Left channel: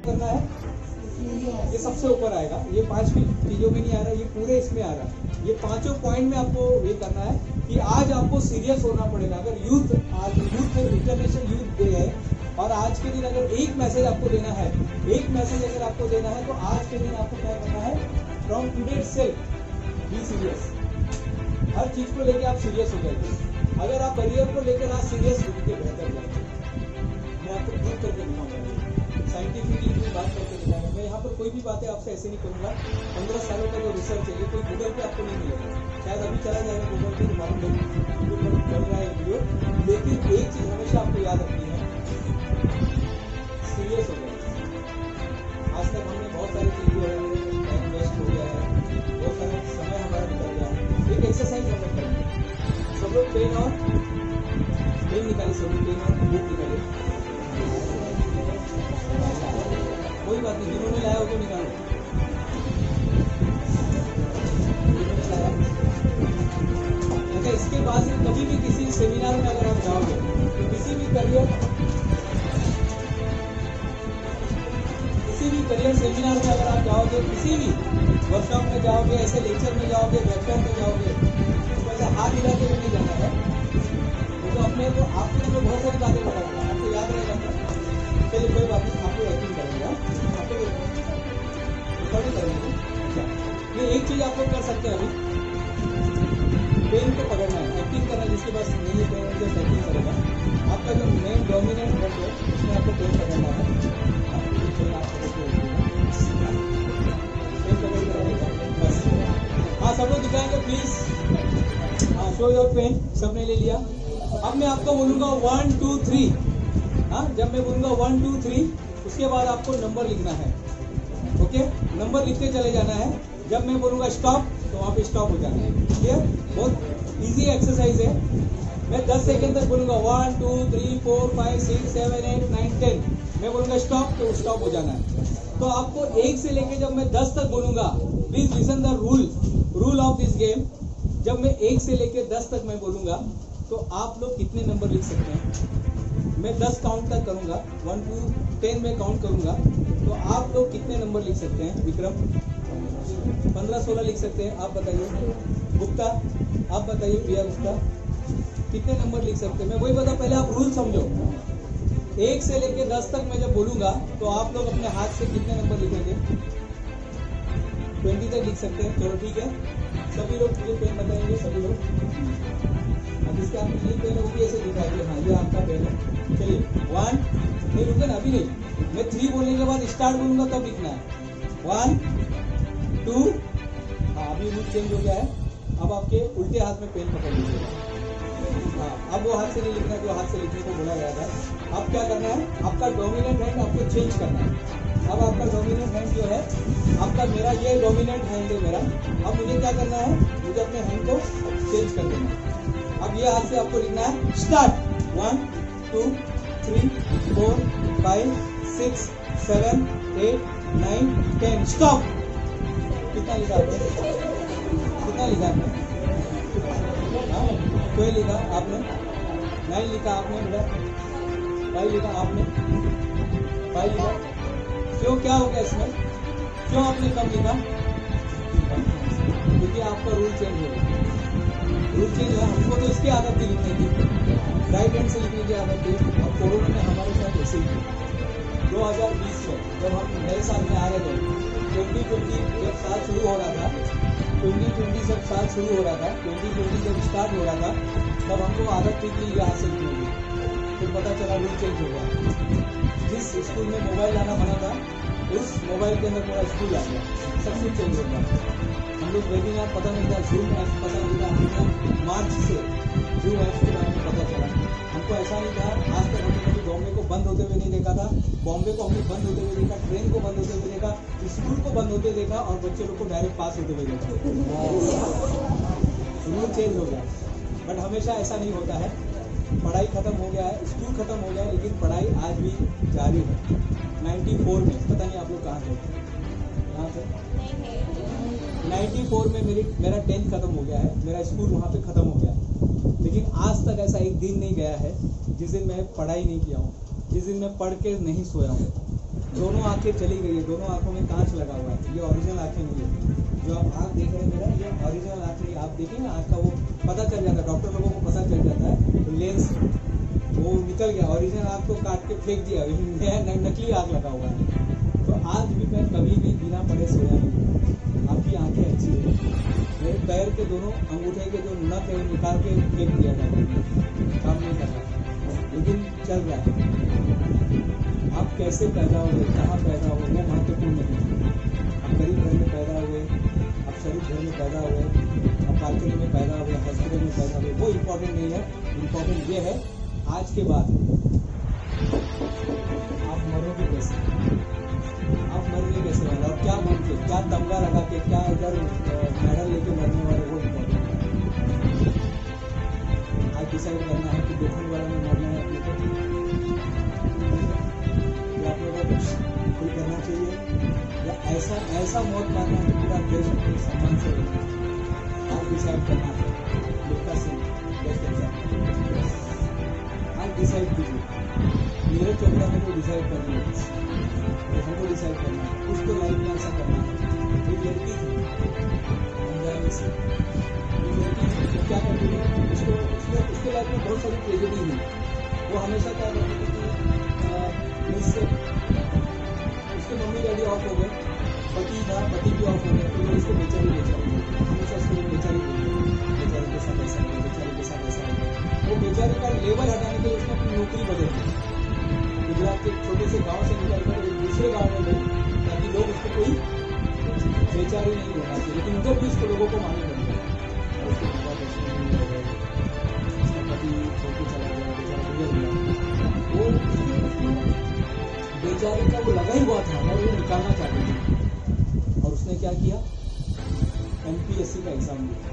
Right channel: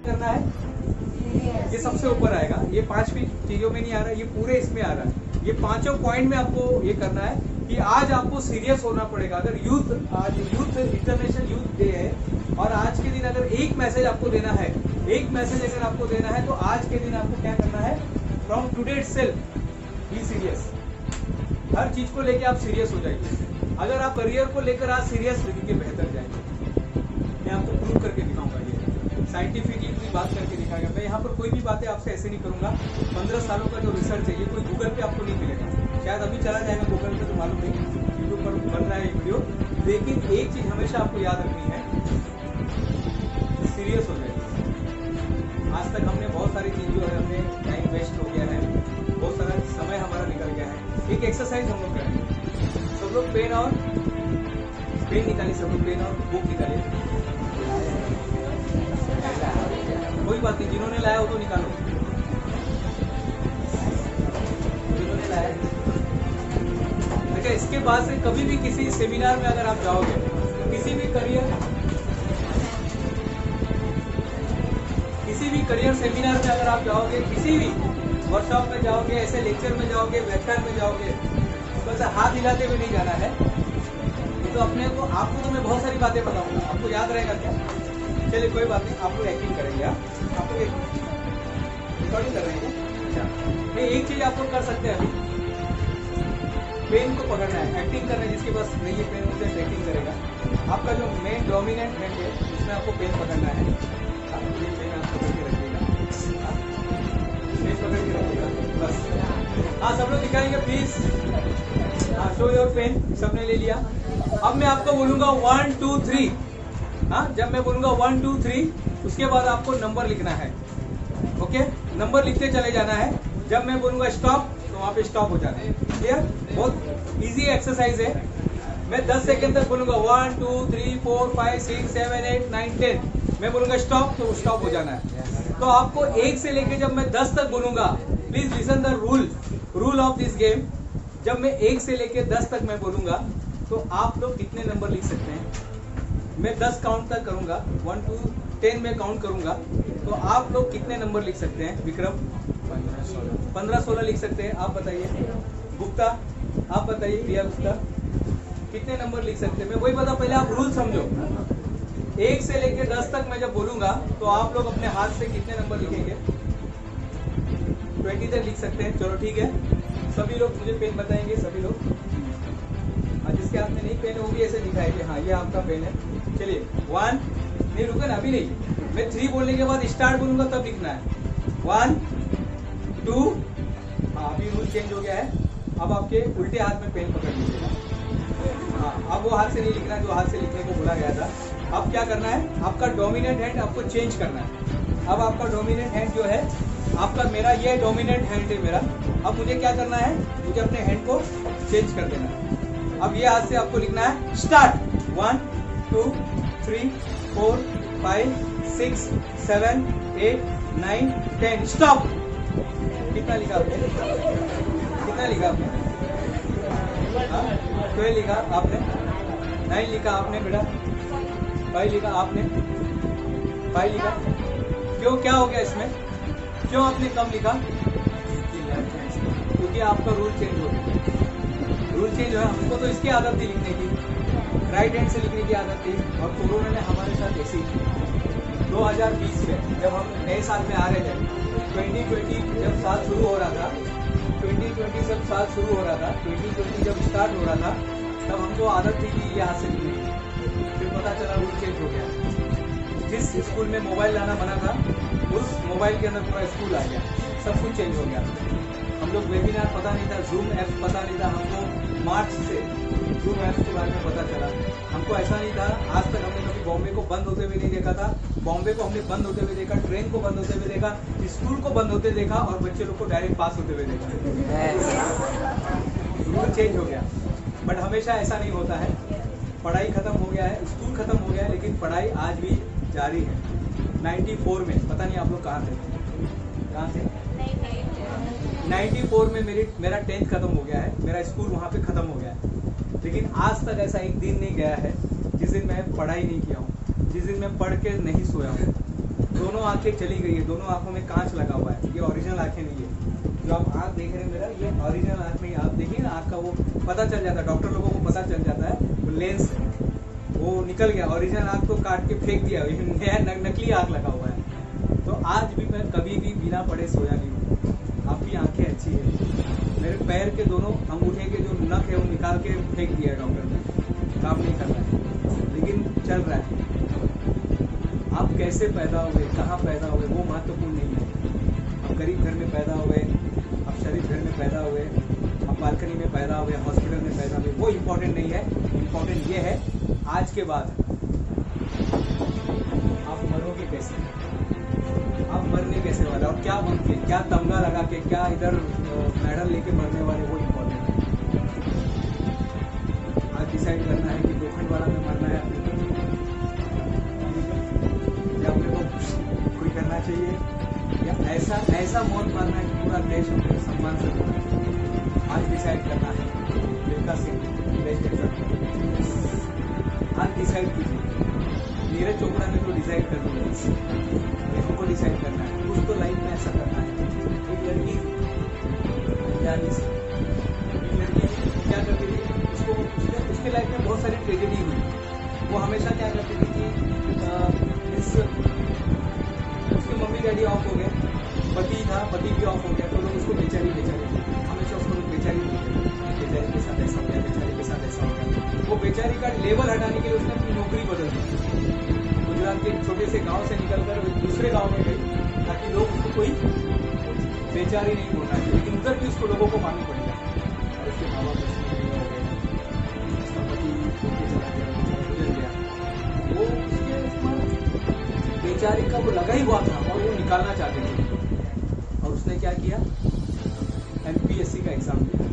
करना है, ये सबसे ऊपर आएगा, ये 5 भी चीजों में नहीं आ रहा है, ये पूरे इसमें आ रहा है। ये 5 पॉइंट में आपको ये करना है कि आज आपको सीरियस होना पड़ेगा। अगर यूथ, आज यूथ इंटरनेशनल यूथ डे है और आज के दिन अगर एक मैसेज आपको देना है, एक मैसेज अगर आपको देना है तो आज के दिन आपको क्या करना है, from today itself be serious. हर चीज को लेकर आप सीरियस हो जाइए। अगर आप करियर को लेकर आज सीरियस होकर बेहतर जाएंगे। मैं आपको प्रूव करके दिखाऊंगा, साइंटिफिकली कोई बात करके दिखाऊंगा। मैं यहाँ पर कोई भी बातें आपसे ऐसे नहीं करूंगा। 15 सालों का जो रिसर्च है ये कोई गूगल पे आपको नहीं मिलेगा, शायद अभी चला जाएगा गूगल पे, तो मालूम नहीं यूट्यूब पर बन रहा है वीडियो। लेकिन एक चीज हमेशा आपको याद रखनी है, सीरियस हो जाए। आज तक हमने बहुत सारी चीज जो है हमने टाइम वेस्ट हो गया है, बहुत सारा समय हमारा निकल गया है। एक एक्सरसाइज हम लोग करेंगे, सब लोग पेन निकालिए, सब लोग पेन और बुक निकालिए। कोई बात नहीं, जिन्होंने लाया वो तो निकालो, जिन्होंने लाया। देखिए इसके बाद से कभी भी किसी सेमिनार में अगर आप जाओगे, किसी भी करियर सेमिनार में अगर आप जाओगे, किसी भी वर्कशॉप में जाओगे, ऐसे लेक्चर में जाओगे, व्याख्यान में जाओगे, तो वैसे हाथ हिलाते हुए नहीं जाना है। ये तो अपने को, आपको तो मैं बहुत सारी बातें बताऊंगा, आपको याद रहेगा क्या? चलिए कोई बात नहीं, आपको एक्टिंग करेंगे, आपको रिकॉर्डिंग करेंगे। अच्छा, ये एक चीज आप लोग कर सकते हैं, अभी पेन को पकड़ना है, एक्टिंग करना है। जिसके पास नहीं है पेन जस्ट एक्टिंग करेगा। आपका जो मेन डोमिनेंट हैंड है उसमें आपको पेन पकड़ना है। पेन आप पकड़ के रखिएगा, पेन पकड़ के रखिएगा बस। हाँ सब लोग दिखाएंगे प्लीज। हाँ शो योर पेन, सबने ले लिया। अब मैं आपको बोलूंगा 1 2 3। हाँ जब मैं बोलूंगा 1 2 3 उसके बाद आपको नंबर लिखना है। ओके, नंबर लिखते चले जाना है। जब मैं बोलूंगा स्टॉप तो वहां पे स्टॉप हो जाना है। क्लियर? बहुत इजी एक्सरसाइज है। मैं 10 सेकंड तक बोलूंगा 1 2 3 4 5 6 7 8 9 10। मैं बोलूंगा स्टॉप तो स्टॉप हो जाना है। तो आपको 1 से लेके जब मैं 10 तक बोलूंगा, please listen the rule of this game. जब मैं 1 से लेके 10 तक मैं बोलूंगा तो आप लोग कितने नंबर लिख सकते हैं? मैं 10 काउंट तक करूंगा, 1 2 10 में काउंट करूंगा, तो आप लोग कितने नंबर लिख सकते हैं? विक्रम 15 16 लिख सकते हैं, आप बताइए। गुप्ता आप बताइए, प्रिया गुप्ता कितने नंबर लिख सकते हैं? मैं वही बता, पहले आप रूल समझो। 1 से लेके 10 तक मैं जब बोलूंगा तो आप लोग अपने हाथ से कितने नंबर लिखेंगे? 20 तक लिख सकते हैं। चलो ठीक है, सभी लोग मुझे पेन बताएंगे, सभी लोग। जिसके हाथ में नहीं पेन है वो भी ऐसे दिखाएंगे, हाँ ये आपका पेन है। चलिए 1 नहीं, रुको ना, अभी नहीं, मैं 3 बोलने के बाद स्टार्ट बोलूंगा तब लिखना है। 1 2। हाँ अभी रूल चेंज हो गया है, अब आपके उल्टे हाथ में पेन पकड़ लीजिएगा। हाँ अब वो हाथ से नहीं लिखना जो हाथ से लिखने को बोला गया था। अब क्या करना है, आपका डोमिनेंट हैंड आपको चेंज करना है। अब आपका डोमिनेंट हैंड जो है आपका, मेरा ये डोमिनेंट हैंड है मेरा। अब मुझे क्या करना है, मुझे अपने हैंड को चेंज कर देना है। अब ये हाथ से आपको लिखना है स्टार्ट। 1 2 3 4 5 6 7 8 9 10 स्टॉप। कितना लिखा आपने? कितना लिखा आपने? 12 लिखा आपने, 9 लिखा आपने बेटा, 5 लिखा आपने, 5 लिखा। क्यों, क्या हो गया इसमें? क्यों आपने कम लिखा? क्योंकि आपका रूल चेंज हो गया। रूल चेंज हुआ, हमको तो इसकी आदत थी लिखने की, राइट हैंड से लिखने की आदत थी। और कोरोना ने हमारे साथ ऐसे ही की। 2020 में जब हम नए साल में आ रहे थे, 2020 जब साल शुरू हो रहा था, 2020 जब साल शुरू हो रहा था, 2020 जब स्टार्ट हो रहा था, तब हमको आदत थी कि ये आज से लिखने। फिर पता चला रूल चेंज हो गया। जिस स्कूल में मोबाइल लाना मना था, उस मोबाइल के अंदर पूरा स्कूल आ गया, सब कुछ चेंज हो गया। हम लोग वेबिनार पता नहीं था, जूम ऐप पता नहीं था, हमको मार्च से जूम ऐप के बारे में पता चला। हमको ऐसा नहीं था, आज तक हमने कभी बॉम्बे को बंद होते हुए नहीं देखा था। बॉम्बे को हमने बंद होते हुए देखा, ट्रेन को बंद होते हुए देखा, स्कूल को बंद होते देखा और बच्चे लोग को डायरेक्ट पास होते हुए देखा। रूल चेंज हो गया, बट हमेशा ऐसा नहीं होता है। पढ़ाई खत्म हो गया है, स्कूल खत्म हो गया है, लेकिन पढ़ाई आज भी जारी है। 94 में, पता नहीं आप लोग कहाँ थे? 94 में मेरा 10th खत्म हो गया है, मेरा स्कूल वहाँ पे खत्म हो गया है। लेकिन आज तक ऐसा एक दिन नहीं गया है जिस दिन मैं पढ़ाई नहीं किया हूँ, जिस दिन मैं पढ़ के नहीं सोया हूँ। दोनों आंखें चली गई है, दोनों आंखों में कांच लगा हुआ है। ये ओरिजिनल आंखें नहीं है। जो आप आंख देख रहे हैं मेरा, ये ओरिजिनल आंख नहीं। आप देखिए ना, आंख का वो पता चल जाता है, डॉक्टर लोगों को पता चल जाता है, वो लेंस वो निकल गया। ओरिजिनल आंख को काट के फेंक दिया, नकली आंख लगा हुआ है। तो आज भी मैं कभी भी बिना पढ़े सोया नहीं हूँ। आपकी आंखें अच्छी है। मेरे पैर के दोनों अंगूठे के जो नख है वो निकाल के फेंक दिया डॉक्टर ने, काम नहीं कर रहा है, लेकिन चल रहा है। आप कैसे पैदा हुए, कहाँ पैदा हुए, वो महत्वपूर्ण नहीं है। आप गरीब घर में पैदा हुए, आप शरीफ घर में पैदा हुए, आप बालकनी में पैदा हुए, हॉस्पिटल में पैदा हुए, वो इम्पोर्टेंट नहीं है। इम्पोर्टेंट ये है आज के बाद आप मरोगे कैसे, आप मरने कैसे वाले, और क्या बन के, क्या तमगा लगा के, क्या इधर मेडल लेके मरने वाले, वो इम्पोर्टेंट है। आज डिसाइड करना है कि लोखंड वाला में मरना है अपने को, या अपने को कोई करना चाहिए, या ऐसा मौत मारना है कि पूरा देश अपने सम्मान से बोले। आज डिसाइड करना है। मिल्खा सिंह आज डिसाइड कीजिए। नीरज चोपड़ा ने तो डिसाइड कर लिया, हमको डिसाइड करना है। कुछ तो लाइफ में ऐसा करना है। एक लड़की अनजानी से, एक लड़की क्या करती थी, उसके लाइफ में बहुत सारी ट्रेजेडी हुई। वो हमेशा क्या करती थी कि उसके मम्मी डैडी ऑफ हो गए, पति था, पति भी ऑफ हो गया, तो लोग उसको बेचारी बोलते, हमेशा उसको बेचारी बोलते, बेचारी के साथ ऐसा गया, बेचारी के साथ ऐसा हो गया। वो बेचारी का लेवल हटाने के लिए उसने अपनी नौकरी बदल दी। गुजरात के एक छोटे से गांव से निकलकर एक दूसरे गांव में गई, ताकि लोग उसको कोई बेचारी नहीं बोलना चाहिए, लेकिन उधर भी उसको लोगों को मालूम पड़ गया। और उसके माँ बाप उसको नहीं लगे, उसका पति छोड़ के चला गया, बेचारा गुजर गया। वो उसके बेचारी का वो लगा ही हुआ था और वो निकालना चाहते थे। और उसने क्या किया, MPSC का एग्जाम दिया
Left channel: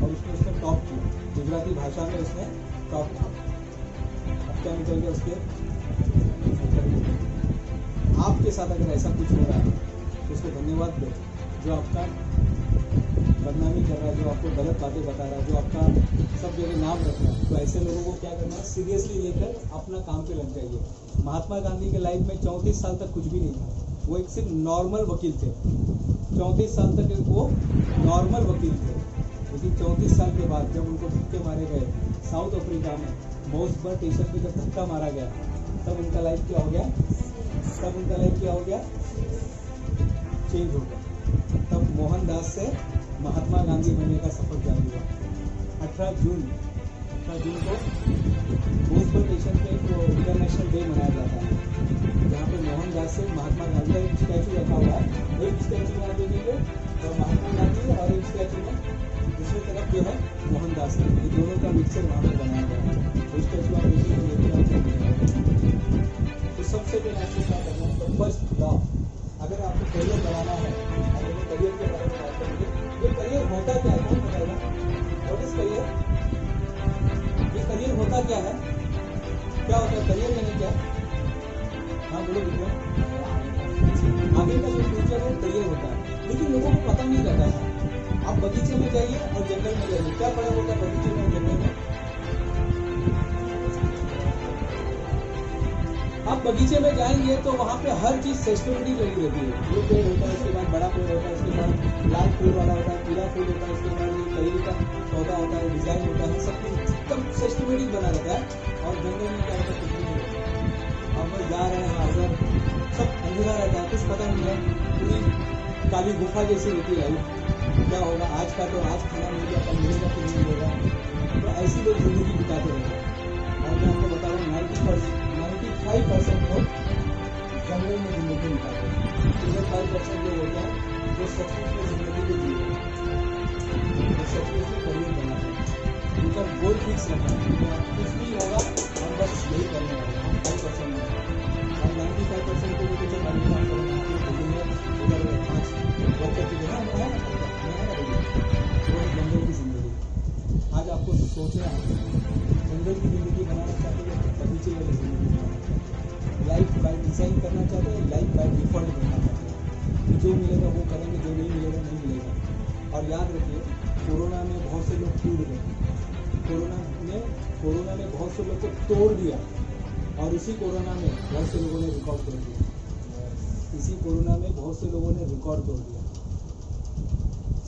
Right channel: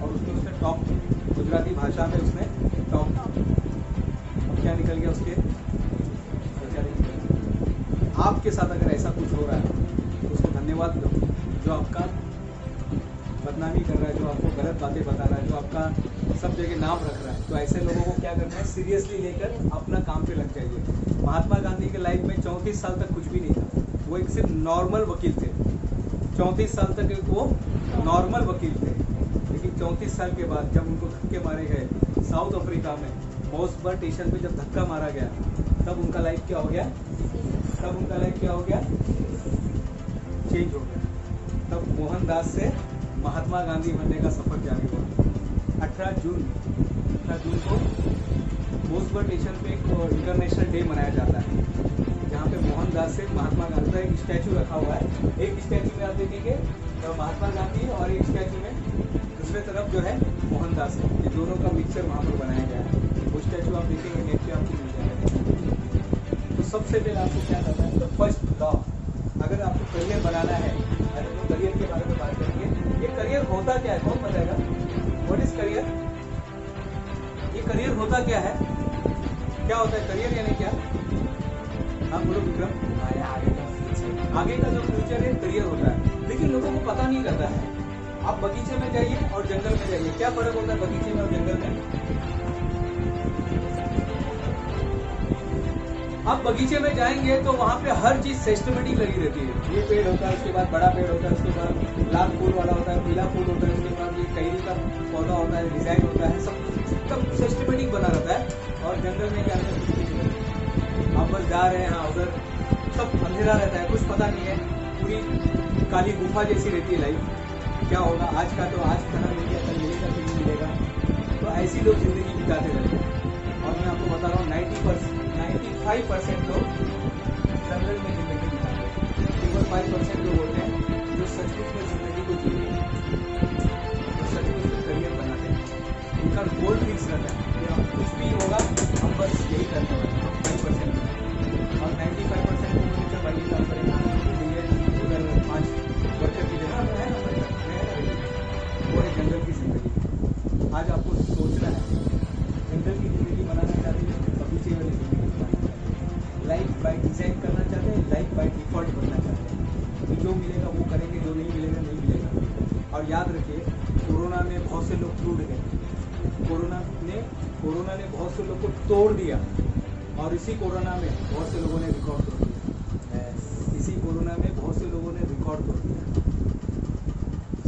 और उसने टॉप किया। गुजराती भाषा में उसने टॉप किया। अब क्या निकल गया उसके, बेचारी। आपके साथ अगर ऐसा कुछ हो रहा है तो उसको धन्यवाद दो, जो आपका बदनामी कर रहा है, जो आपको गलत बातें बता रहा है, जो आपका सब जगह नाम रख रहा है। तो ऐसे लोगों को क्या करना है, सीरियसली लेकर अपना काम पे लग जाइए। महात्मा गांधी के लाइफ में 34 साल तक कुछ भी नहीं था। वो एक सिर्फ नॉर्मल वकील थे। 34 साल तक वो नॉर्मल वकील थे, लेकिन 34 साल के बाद जब उनको धक्के मारे गए साउथ अफ्रीका में, मोसबर्ग स्टेशन पे जब धक्का मारा गया, तब उनका लाइफ क्या हो गया, चेंज हो गया। तब मोहनदास से महात्मा गांधी बनने का सफर जारी हुआ। 18 जून को मोसबर्ग स्टेशन पे एक इंटरनेशनल डे मनाया जाता है, जहाँ पे मोहनदास से महात्मा गांधी का एक स्टैचू रखा हुआ है। एक स्टैचू में आप देखेंगे महात्मा गांधी और एक स्टैचू में दूसरे तरफ जो है मोहनदास का, ये दोनों का मिक्सचर वहाँ पर बनाया गया है। वो स्टैचू आप देखेंगे। तो सबसे पहले आपको क्या करना है, तो फर्स्ट लॉ, अगर आपको करियर बनाना है, करियर के बारे में बात करेंगे। ये करियर होता क्या है, कौन बताएगा? What is career? ये करियर होता क्या है, क्या होता है करियर, यानी क्या? हाँ बोलो विक्रम। आगे का जो फ्यूचर है करियर होता है, लेकिन लोगों को पता नहीं रहता है। आप बगीचे में जाइए और जंगल में जाइए, क्या फर्क होता है बगीचे में और जंगल में? आप बगीचे में जाएंगे तो वहाँ पे हर चीज सिस्टमेटिक लगी रहती है। ये पेड़ होता है, उसके बाद बड़ा पेड़ होता है, उसके बाद लाल फूल वाला होता है, पीला फूल होता है, उसके बाद ये कैरी का पौधा होता है, डिजाइन होता है, सब कुछ एकदम सिस्टमेटिक बना रहता है। और जंगल में क्या आप बस जा रहे हैं, उधर सब अंधेरा रहता है, कुछ पता नहीं है, पूरी काली गुफा जैसी रहती है लाइफ। क्या होगा आज का, तो आज खाना मिल गया, कल मिलेगा, फिर नहीं मिलेगा। तो ऐसी लोग जिंदगी बिताते रहते हैं। और मैं आपको बता रहा हूँ 95% लोग जंगल में जिंदगी बिताते हैं। केवल 5% लोग होते हैं जो सचमुच में जिंदगी को जीते हैं, जो सचमुच में करियर बनाते हैं। उनका गोल फिक्स रहता है कि अब कुछ भी होगा हम बस यही करने वाले हैं। 5% में और 95% को मुझे जब बड़ी काम करना उधर 5 वर्कर की जगह वो है ना, वो है जंगल की जिंदगी। आज आपको सोचना है, जंगल की जिंदगी बनाना चाहते हैं, बगीचे वाली जिंदगी बनाना चाहते हैं, लाइफ बाय डिजाइन करना चाहते हैं, लाइफ बाय डिफॉल्ट बनना चाहते हैं। तो जो मिलेगा वो करेंगे, जो नहीं मिलेगा नहीं मिलेगा। और याद रखिए, कोरोना में बहुत से लोग टूट गए, कोरोना ने बहुत से लोग को तोड़ दिया, और इसी कोरोना में बहुत से लोगों ने रिकॉर्ड तोड़ दिया। कोरोना में बहुत से लोगों ने रिकॉर्ड तोड़ दिया।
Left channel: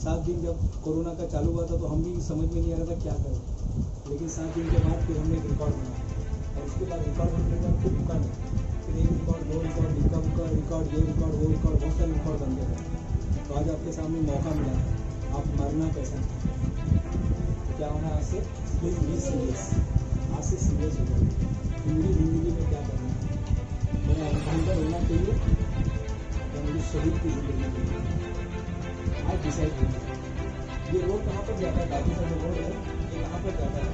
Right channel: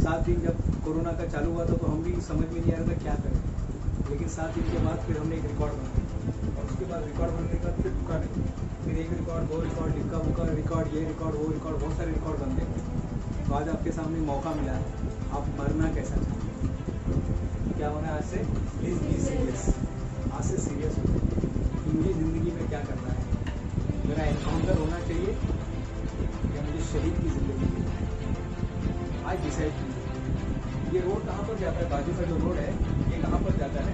7 दिन जब कोरोना का चालू हुआ था तो हम भी समझ में नहीं आ रहा था क्या करें, लेकिन 7 दिन के बाद फिर हमने एक रिकॉर्ड बनाया और उसके बाद रिकॉर्ड बनने के बाद फिर रुका नहीं, फिर एक रिकॉर्ड, 2 रिकॉर्ड, लिखा बुका रिकॉर्ड, ये रिकॉर्ड, वो रिकॉर्ड, बहुत सारे रिकॉर्ड बनते गए। तो आज आपके सामने मौका मिला है, आप मरना कैसा चाहते हैं, क्या होना है आज से, प्लीज़ बी सीरियस, आज से सीरियस हो जाए कि मुझे ज़िंदगी में क्या करना है, मेरा एनकाउंटर होना चाहिए या मुझे शहीद की ज़िंदगी चाहिए। आज डिसाइड कीजिए। ये रोड कहाँ पर जाता है, बाजू का जो रोड है ये कहाँ पर जाता है,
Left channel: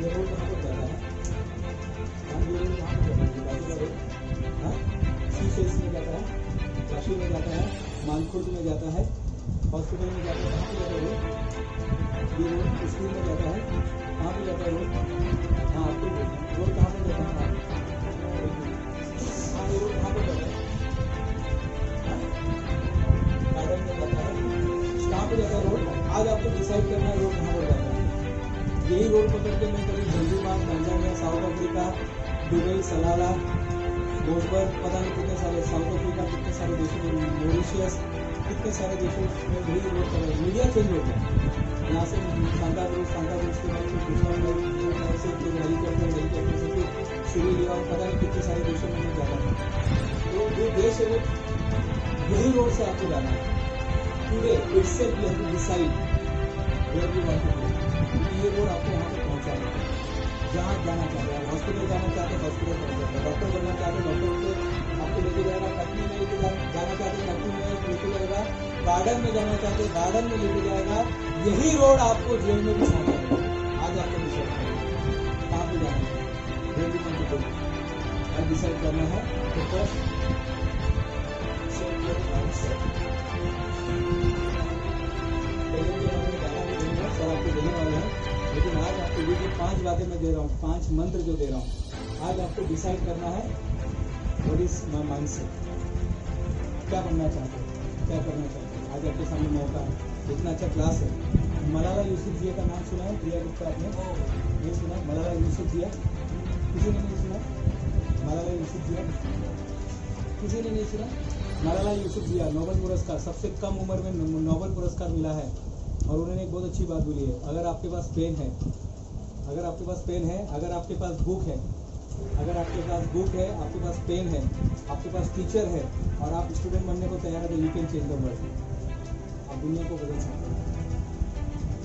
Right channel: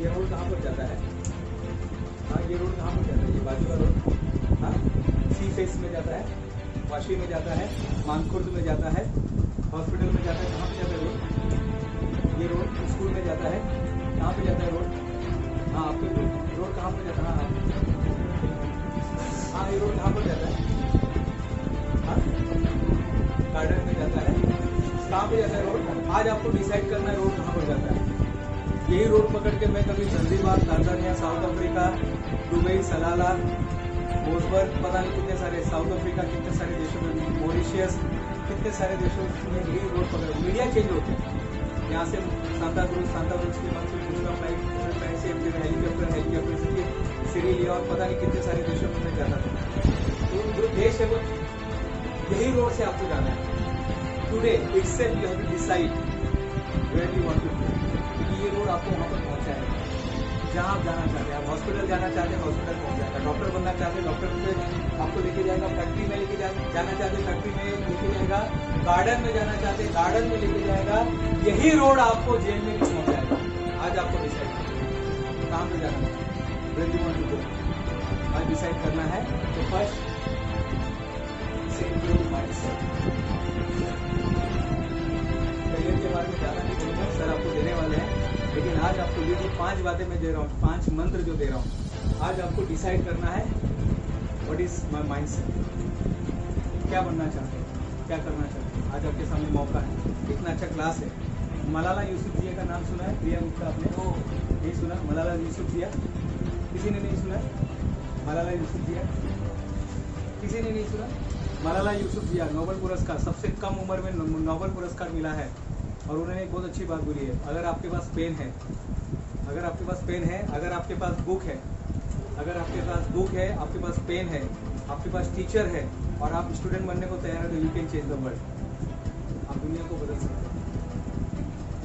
ये रोड कहाँ पर जाता है, हाँ ये रोड कहाँ पर जाता है, ये बाजू का रोड, हाँ सी फेस में जाता है, वाशी में जाता है, मानखुर्द में जाता है, हॉस्पिटल में जाता है, कहाँ पे जाता है रोड, ये रोड स्कूल में जाता है, कहाँ पे जाता है रोड, हाँ आपको रोड कहाँ पर जाता है, हाँ ये रोड कहाँ पर जाता है, गार्डन में जाता है, कहाँ पे जाता है रोड, आज आपको डिसाइड करना है रोड कहाँ पर जाता है। यही रोड पकड़ के मैं कभी Zanzibar, Tanzania, South Africa, Dubai, Salalah, बोसबर्ग, पता नहीं कितने सारे, साउथ अफ्रीका कितने सारे देशों में, मॉरिशियस कितने सारे देशों में यही रोड पकड़, मीडिया चेंज होते हैं। यहाँ से सांता क्रूज के बाद फिर दूसरा फ्लाइट से फिर हेलीकॉप्टर से सीरी लिया और पता नहीं कितने सारे देशों में मैं जाता था। तो जो देश है वो यही रोड से आपको जाना है। Today itself you have to decide where you want to go, क्योंकि ये रोड आपको वहाँ पर पहुँचाएगा जहाँ आप जाना चाहते हैं। हॉस्पिटल जाना चाहते हैं, हॉस्पिटल पहुँच जाएगा। डॉक्टर बनना चाहते हैं, डॉक्टर से आपको लेके जाएगा। फैक्ट्री में लेके जाना चाहते हैं, फैक्ट्री में लेके जाएगा। गार्डन में जाना चाहते हैं, गार्डन में लेके जाएगा। यही रोड आपको जेल में भी पहुँचाएगा। आज आपको डिसाइड कहाँ पे जाना है, where you want to go, आज डिसाइड करना है। तो first set your mindset. Career के बारे में ज़्यादा नहीं बोलूँगा, सर आपको देने वाले हैं, लेकिन आज आपको ये जो 5 बातें मैं दे रहा हूँ, 5 मंत्र जो दे रहा हूँ, आज आपको डिसाइड करना है व्हाट इज माई माइंडसेट, क्या बनना चाहते हो, क्या करना चाहते हो। आज आपके सामने मौका है, इतना अच्छा क्लास है। मलाला यूसुफजैया का नाम सुना है, प्रिया गुप्ता, आपने नहीं सुना? मलाला यूसुफजैया किसी ने नहीं सुना? मलाला यूसुफजैया किसी ने नहीं सुना? मलाला यूसुफजैया नोबेल पुरस्कार, सबसे कम उम्र में नोबेल पुरस्कार मिला है। और उन्होंने एक बहुत अच्छी बात बोली है, अगर आपके पास पेन है, अगर आपके पास पेन है, अगर आपके पास बुक है, अगर आपके पास बुक है, आपके पास पेन है, आपके पास टीचर है और आप स्टूडेंट बनने को तैयार है, तो you can change the world. आप दुनिया को बदल सकते हैं।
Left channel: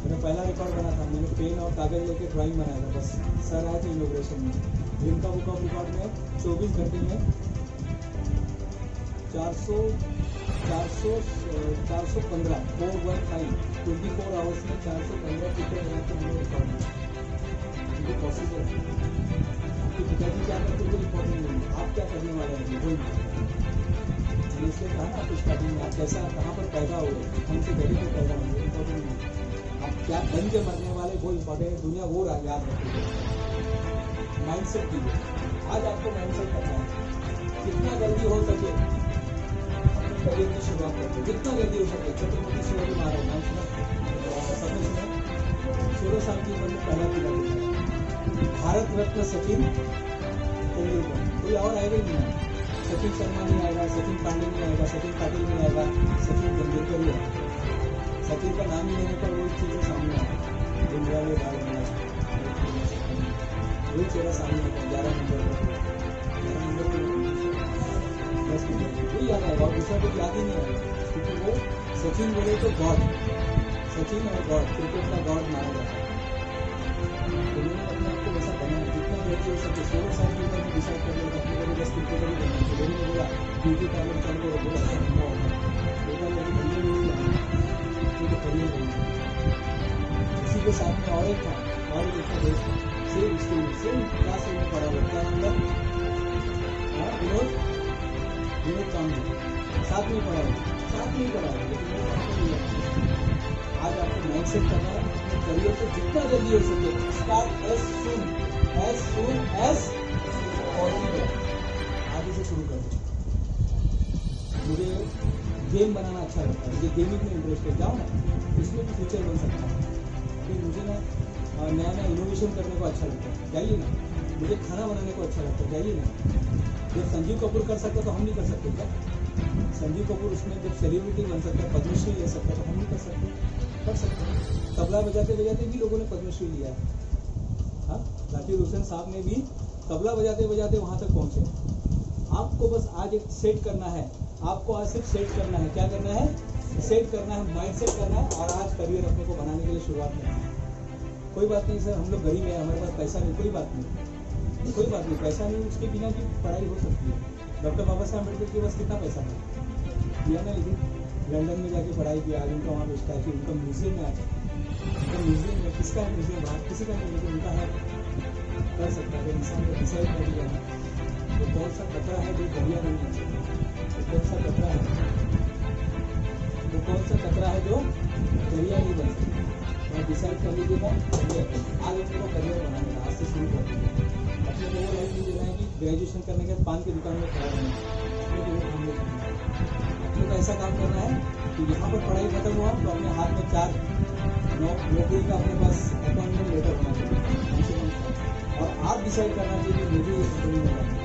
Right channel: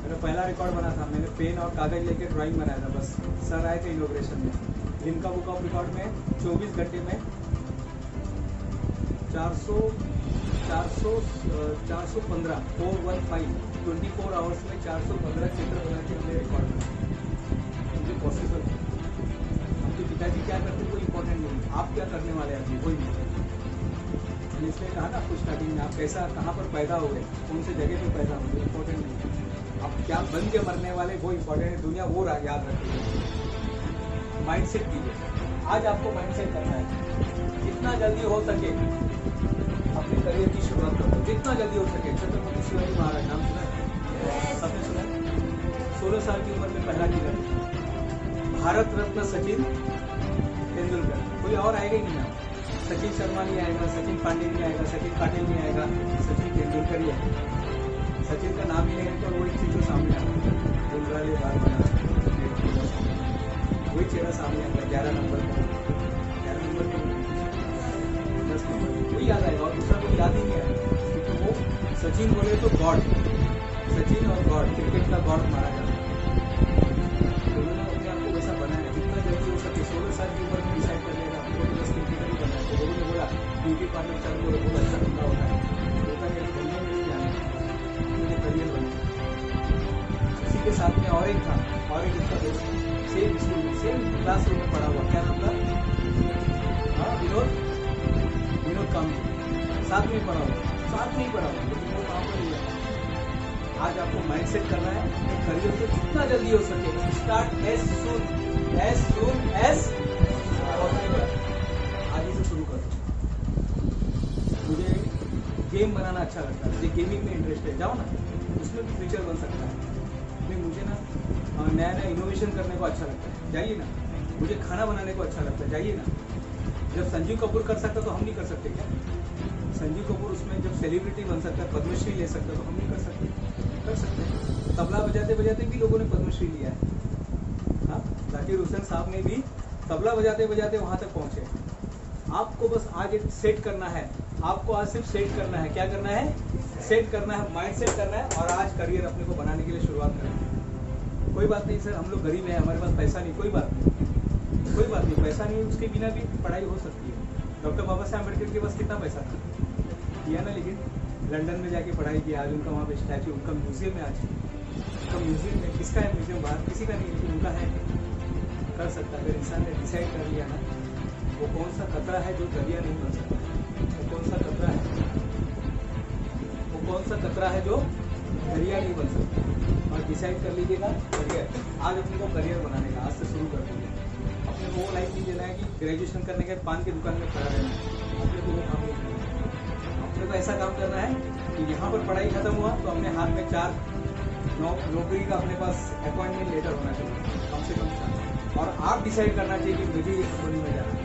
मैंने पहला रिकॉर्ड बना था, मैंने पेन और कागज लेके ड्राइंग बनाया था, बस सर आए थे इनॉग्रेशन में। लिम्का बुक ऑफ रिकॉर्ड में 24 घंटे में 415 24 आवर्स में 415 चित्र बना के हमने रिकॉर्ड किया। ये पॉसिबल है। आपके पिताजी क्या करते हैं वो इम्पोर्टेंट नहीं, आप क्या करने वाले हैं वही। मैंने इसलिए कहा ना आपको स्टार्टिंग में, आप कैसा कहाँ पर पैदा हो गए, कौन से जगह पर पैदा हो गए, इम्पोर्टेंट नहीं। आप क्या बन के मरने वाले वो इम्पोर्टेंट है, दुनिया वो याद रखिए। माइंडसेट कीजिए, आज आपको माइंडसेट करना है। जितना जल्दी हो सके अपने करियर की शुरुआत करो, जितना जल्दी हो सके। छत्रपति शिवाजी महाराज नाम सुना? सबने सुना? 16 साल की उम्र में पहला किला जीता। भारत रत्न सचिन तेंदुलकर, कोई और आएगा ही नहीं ना। सचिन शर्मा नहीं आएगा, सचिन पांडे नहीं आएगा, सचिन पाटिल नहीं आएगा, सचिन तेंदुलकर ही आएगा। सचिन का नाम ही लेने पर वही चीज़ें सामने आएगी, गुंजराले बाल वाला वही चेहरा सामने आएगा। 11 नंबर पर 10 नंबर वही याद आएगा और दूसरा कोई याद ही नहीं आएगा, क्योंकि वो सचिन बोले तो गॉड, सचिन और गॉड, क्रिकेट का गॉड माना जाता है। तो उन्होंने अपने आप को वैसा बनाया, जितना जल्दी हो सके। 16 साल की उम्र में डिसाइड कर लेगा अपने को बस क्रिकेटर ही बनना है। तो लोगों ने बोला ब्यूटी पार्लर चालू करो, बहुत अच्छा धंधा होता है धंधे में नहीं आना, मुझे करियर बनना। इसी के साथ में और एक था, और एक उसका दोस्त सेम स्कूल में सेम क्लास में पढ़ा हुआ, क्या नाम था? हाँ विनोद कामजी, साथ में ही पढ़ा हुआ, लेकिन वो वहाँ पर नहीं। आज आपको माइंडसेट करना है अपने करियर को जितना जल्दी हो सके। Start as soon as possible. आज से शुरू कर दो। मुझे गेम बनाना अच्छा लगता है, मुझे गेमिंग में इंटरेस्ट है, जाओ ना, उसमें भी फ्यूचर बन सकता है। लेकिन मुझे ना नया इनोवेशन करने को अच्छा लगता है, जाइए ना। मुझे खाना बनाने को अच्छा लगता है, जाइए ना। जब संजीव कपूर कर सकता तो हम नहीं कर सकते क्या? संजीव कपूर उसमें जब सेलिब्रिटी बन सकता है, पद्मश्री ले सकता है, तो हम नहीं कर सकते? कर सकते हैं। तबला बजाते बजाते भी लोगों ने पद्मश्री लिया है। हाँ, जाकिर हुसैन साहब ने भी तबला बजाते बजाते वहां तक पहुंचे। आपको बस आज एक सेट करना है, आपको आज सिर्फ सेट करना है। क्या करना है? सेट करना है, माइंड सेट करना है, और आज करियर अपने को बनाने के लिए शुरुआत करना है। कोई बात नहीं सर, हम लोग गरीब हैं, हमारे पास पैसा नहीं, कोई बात नहीं, कोई बात नहीं, पैसा नहीं, उसके बिना भी पढ़ाई हो सकती है। डॉक्टर बाबा साहब अम्बेडकर के पास कितना पैसा था किया ना, लेकिन लंदन में जाके पढ़ाई किया। आज उनका वहाँ पे स्टैचू, उनका म्यूजियम में, आज उनका म्यूजियम में, किसका है म्यूजियम? बाहर किसी का नहीं, लेकिन उनका है। कर सकता, अगर इंसान ने डिसाइड कर लिया ना, वो कौन सा खतरा है जो दरिया नहीं बन सकता, वो कौन सा खतरा है, वो कौन सा खतरा है जो दरिया नहीं बन सकता। और डिसाइड कर लीजिएगा करियर, आज अपने को करियर बनाने का आज से शुरू कर दीजिए। अपने को वो लाइफ नहीं देना है कि ग्रेजुएशन करने के बाद पान की दुकान में खड़ा रहना, अपने को वो काम नहीं करना है। अपने को ऐसा काम करना है कि यहाँ पर पढ़ाई खत्म हुआ तो अपने हाथ में 4 नौकरी का अपने पास अपॉइंटमेंट लेटर होना चाहिए, कम से कम। और आप डिसाइड करना चाहिए कि मुझे ये कंपनी में जाना है,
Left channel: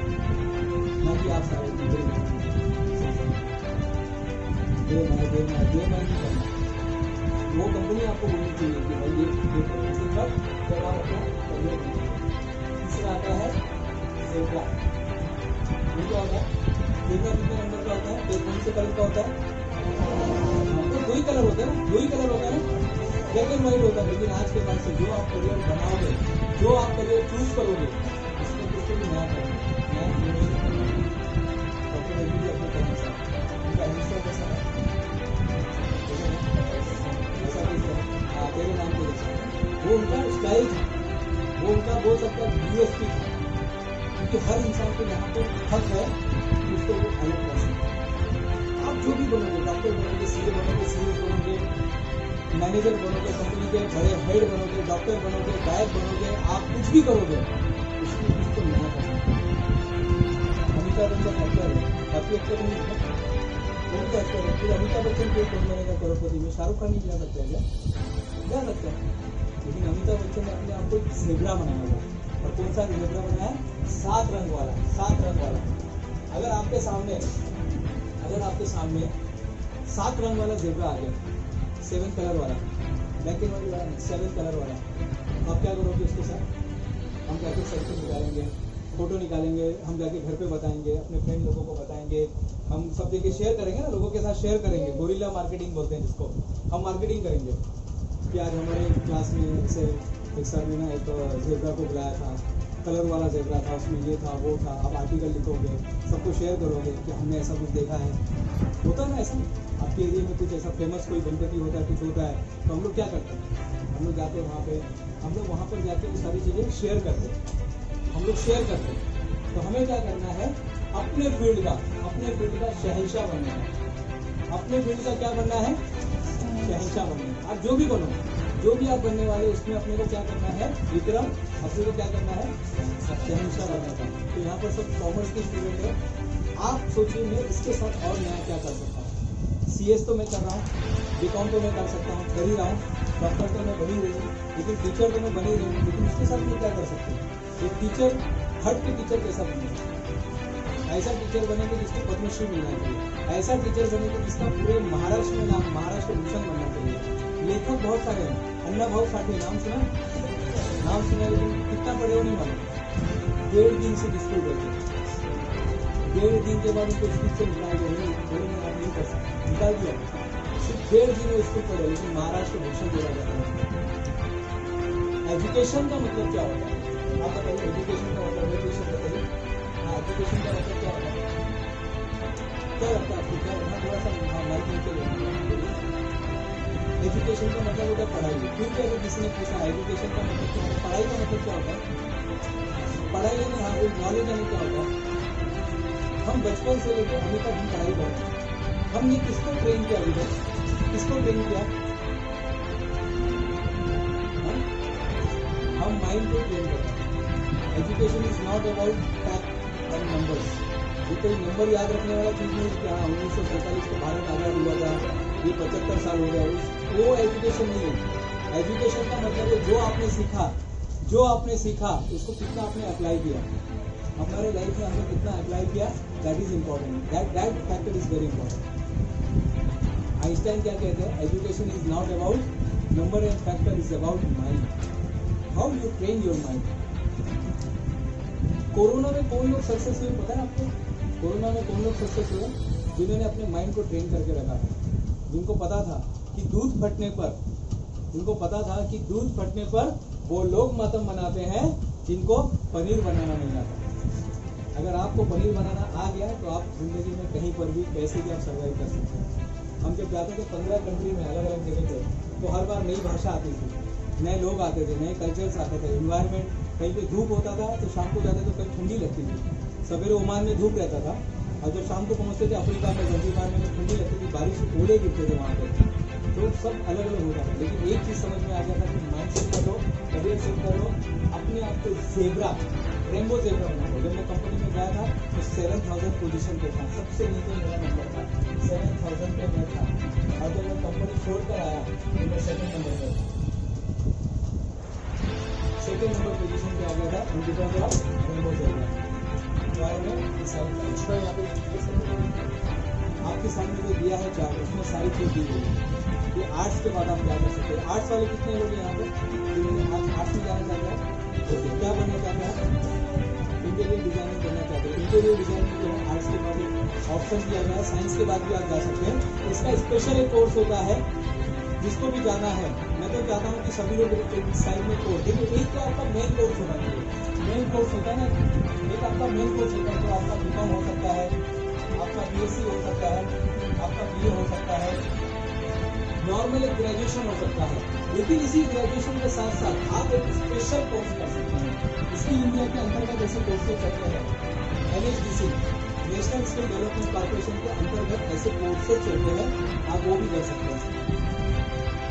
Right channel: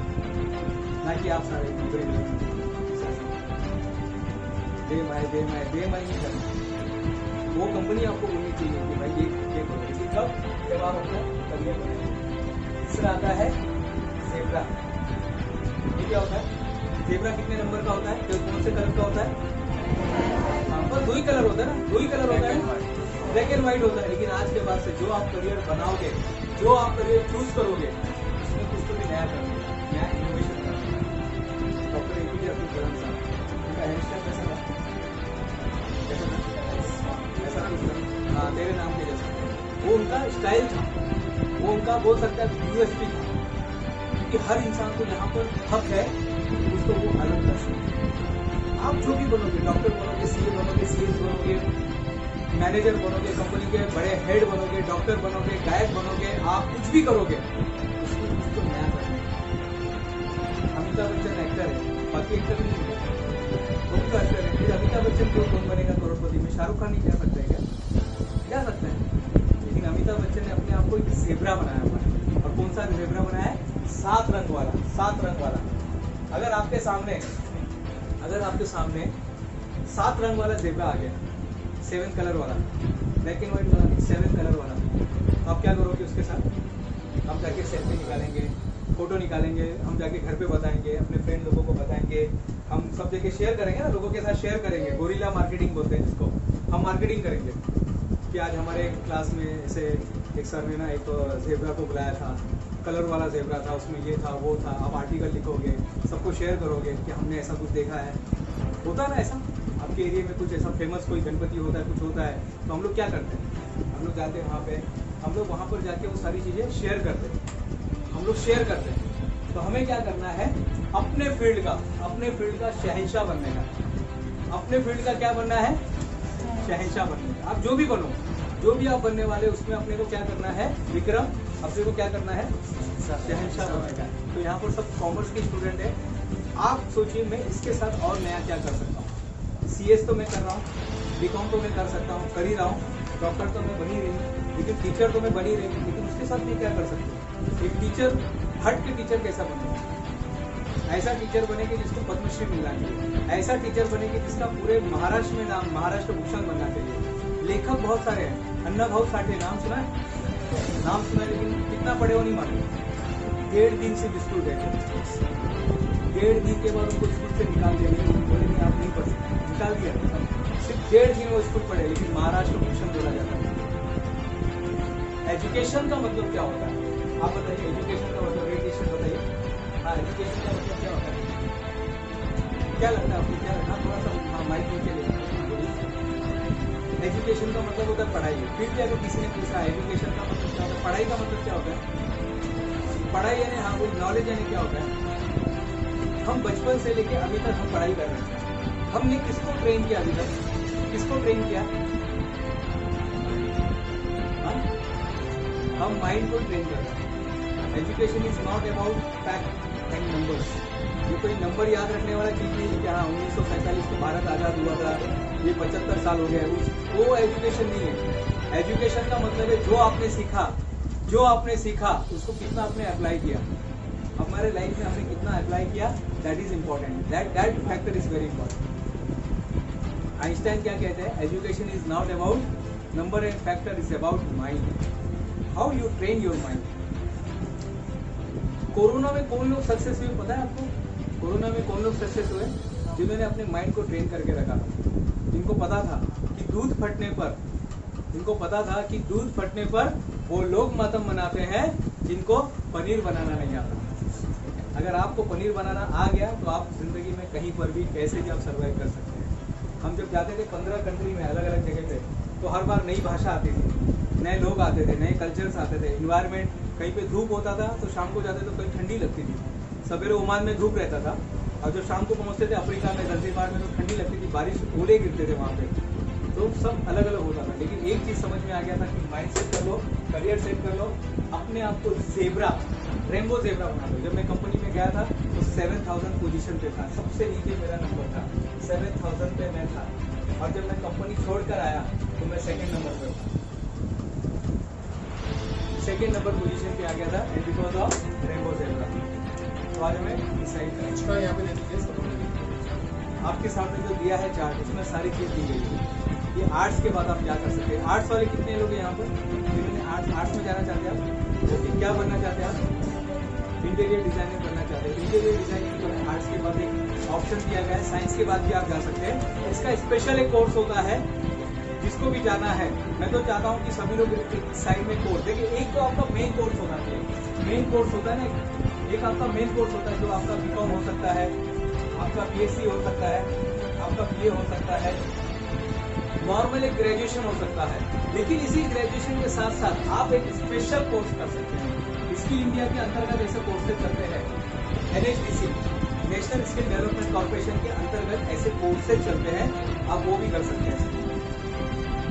ना कि आप सारे नौकरी दे मैं नहीं करना। वो कंपनी आपको बोलनी चाहिए कि भाई ये करो, लेकिन कब आप अपना करने में। तीसरा आता है ज़ेब्रा। ये क्या होता है? ज़ेब्रा कितने नंबर का होता है? तो कौन से कलर का होता है? बस 2 ही कलर होता है ना, 2 ही कलर होता है, ब्लैक एंड व्हाइट होता है। लेकिन आज के बाद से जो आप करियर बनाओगे, जो आप करियर चूज करोगे, उसमें कुछ तो भी नया करोगे, नया इनोवेशन करोगे। डॉक्टर APJ अब्दुल कलाम साहब, उनका हेयर स्टाइल कैसा था? ऐसा कुछ, हाँ, तेरे नाम के जैसा, वो उनका स्टाइल था, वो उनका बोल सकता है USP था। क्योंकि हर इंसान को यहाँ पर हक है उसको वो अलग कर सकते। आप जो भी बनोगे, डॉक्टर बनोगे, CA बनोगे, CS बनोगे, मैनेजर बनोगे, कंपनी के बड़े हेड बनोगे, डॉक्टर बनोगे, गायक बनोगे, आप कुछ भी करोगे, उसमें कुछ तो नया करना है। अमिताभ बच्चन एक्टर है, बाकी एक्टर नहीं है, कौन सा एक्टर है? फिर अमिताभ बच्चन को कौन बनेगा करोड़पति में? शाहरुख खान नहीं जा सकता है क्या? जा सकते हैं, लेकिन अमिताभ बच्चन ने अपने आप को एक ज़ेब्रा बनाया हुआ है। और कौन सा ज़ेब्रा बनाया है? 7 रंग वाला, 7 रंग वाला। अगर आपके सामने 7 रंग वाला ज़ेब्रा आ गया, 7 कलर वाला, ब्लैक एंड व्हाइट वाला, 7 कलर वाला, तो आप क्या करोगे उसके साथ? हम जाके सेल्फी निकालेंगे, फोटो निकालेंगे, हम जाके घर पे बताएंगे, अपने फ्रेंड लोगों को बताएंगे, हम सब जगह शेयर करेंगे ना, लोगों के साथ शेयर करेंगे। गोरिल्ला मार्केटिंग बोलते हैं जिसको, हम मार्केटिंग करेंगे कि आज हमारे क्लास में ऐसे एक सर ने ना एक ज़ेब्रा को बुलाया था, कलर वाला ज़ेब्रा था, उसमें ये था वो था। आप आर्टिकल लिखोगे, सबको शेयर करोगे कि हमने ऐसा कुछ देखा है। होता है ना ऐसा, आपके एरिया में कुछ ऐसा फेमस कोई गणपति होता है, कुछ होता है, तो हम लोग क्या करते हैं? हम लोग जाते हैं वहाँ पे, हम लोग वहाँ पर जाके वो सारी चीज़ें शेयर करते हैं, हम लोग शेयर करते हैं। तो हमें क्या करना है? अपने फील्ड का शहंशाह बनना है। अपने फील्ड का क्या बनना है? शहंशाह बनना है। आप जो भी बनो, जो भी आप बनने वाले, उसमें अपने को क्या करना है? विक्रम, अपने को क्या करना है? शहंशाह बनने का। तो यहाँ पर सब कॉमर्स के स्टूडेंट है। आप सोचिए मैं इसके साथ और नया क्या कर सकता हूँ? CS तो मैं कर रहा हूँ, BCom तो मैं कर सकता हूँ, कर ही रहा हूँ, डॉक्टर तो मैं बन ही रही हूँ, लेकिन टीचर तो मैं बन ही रही हूँ। लेकिन उसके साथ मैं क्या कर सकता हूँ? एक टीचर, हट के टीचर कैसा बनेगा? ऐसा टीचर बनेंगे जिसको पद्मश्री मिलना चाहिए, ऐसा टीचर बनेंगे जिसका पूरे महाराष्ट्र में नाम महाराष्ट्र भूषण बनना चाहिए। लेखक बहुत सारे हैं, अन्ना भाऊ साठे, नाम सुना है? नाम सुना है, लेकिन कितना पढ़े हो नहीं मालूम। 1.5 दिन से स्कूल बैठे, 1.5 दिन के बाद उनको स्कूल से निकाल दिया, बोलेंगे आप नहीं पढ़ सकते, निकाल दिया। सिर्फ 1.5 दिन वो स्कूल पढ़े, लेकिन महाराष्ट्र भूषण बोला जाता है। एजुकेशन का मतलब क्या होता है? आप बताइए, एजुकेशन का मतलब, एजुकेशन बताइए। हाँ, एजुकेशन का मतलब क्या होता है? क्या लगता है आपको? क्या है ना, थोड़ा सा माइक नीचे लेना। एजुकेशन का मतलब होता है पढ़ाई। फिर भी अगर किसी ने पूछा एजुकेशन का मतलब क्या होता है, पढ़ाई का मतलब क्या होता है? पढ़ाई यानी हाँ, कोई नॉलेज यानी क्या होता है? हम बचपन से लेके अभी तक हम पढ़ाई कर रहे हैं। हमने किसको ट्रेन किया अभी तक? किसको ट्रेन किया? हम माइंड को ट्रेन कर रहे हैं। Education is not about fact and numbers. ये कोई नंबर याद रखने वाला चीज नहीं है कि हाँ 1947 को भारत आज़ाद हुआ था, ये 75 साल हो गए, वो एजुकेशन नहीं है। एजुकेशन का मतलब है जो आपने सीखा उसको कितना आपने अप्लाई किया। हमारे लाइफ में हमने कितना अप्लाई किया, that is important, that factor is very important. Einstein क्या कहते हैं, education is not about number and factor, is about mind, how you train your mind. Corona में कौन लोग सक्सेस हुए पता है आपको? कोरोना में कौन लोग सक्सेस हुए? जिन्होंने अपने माइंड को ट्रेन करके रखा था, जिनको पता था कि दूध फटने पर, जिनको पता था कि दूध फटने पर वो लोग मातम मनाते हैं जिनको पनीर बनाना नहीं आता। अगर आपको पनीर बनाना आ गया तो आप जिंदगी में कहीं पर भी कैसे भी आप सर्वाइव कर सकते हैं। हम जब जाते थे 15 कंट्री में अलग अलग जगह पे, तो हर बार नई भाषा आती थी, नए लोग आते थे, नए कल्चर्स आते थे, इन्वायरमेंट, कहीं पे धूप होता था तो शाम को जाते तो कहीं ठंडी लगती थी, सवेरे ओमान में धूप रहता था, और जब शाम को पहुंचते थे अफ्रीका में, ज़ंज़ीबार में, तो ठंडी लगती थी, बारिश, ओले गिरते थे वहाँ पे, तो सब अलग अलग होता था। लेकिन एक चीज समझ में आ गया था कि माइंड सेट कर लो, करियर सेट कर लो, अपने आप को ज़ेब्रा, रेनबो ज़ेब्रा बना लो। जब मैं कंपनी में गया था तो 7000 पोजीशन पे था, सबसे नीचे मेरा नंबर था, 7000 पे मैं था, और जब मैं कंपनी छोड़कर आया तो मैं सेकंड नंबर पे था, सेकंड नंबर पोजीशन पे आ गया था, and because of rainbow zebra. तो आज मैं डिसाइड करा, इसको यहाँ पे देखिए, आपके सामने जो दिया है चार्ट, उसमें सारी चीज दी गई है। ये आर्ट्स के बाद आप क्या कर सकते हैं। आर्ट्स वाले कितने लोग हैं यहाँ पे जिन्होंने आर्ट्स में जाना चाहते हैं? क्या बनना चाहते हैं आप? इंटीरियर डिजाइनिंग बनना चाहते हैं। इंटीरियर डिजाइनिंग जो है आर्ट्स के बाद एक ऑप्शन दिया गया है, साइंस के बाद भी आप जा सकते हैं। इसका स्पेशल एक कोर्स होता है, जिसको भी जाना है, मैं तो चाहता हूँ कि सभी लोग साइड में कोर्स देखिए। एक तो आपका मेन कोर्स होना चाहिए, मेन कोर्स होता है ना, एक आपका मेन कोर्स होता है जो आपका बीकॉम हो सकता है, आपका बीएससी हो सकता है, आपका बीए हो सकता है, नॉर्मल एक ग्रेजुएशन हो सकता है। लेकिन इसी ग्रेजुएशन के साथ साथ आप एक स्पेशल कोर्स कर सकते हैं। इसकी इंडिया के अंतर्गत ऐसे कोर्सेज चलते हैं, NHDC, national skill development corporation के अंतर्गत ऐसे कोर्सेज चलते हैं, आप वो भी कर सकते हैं,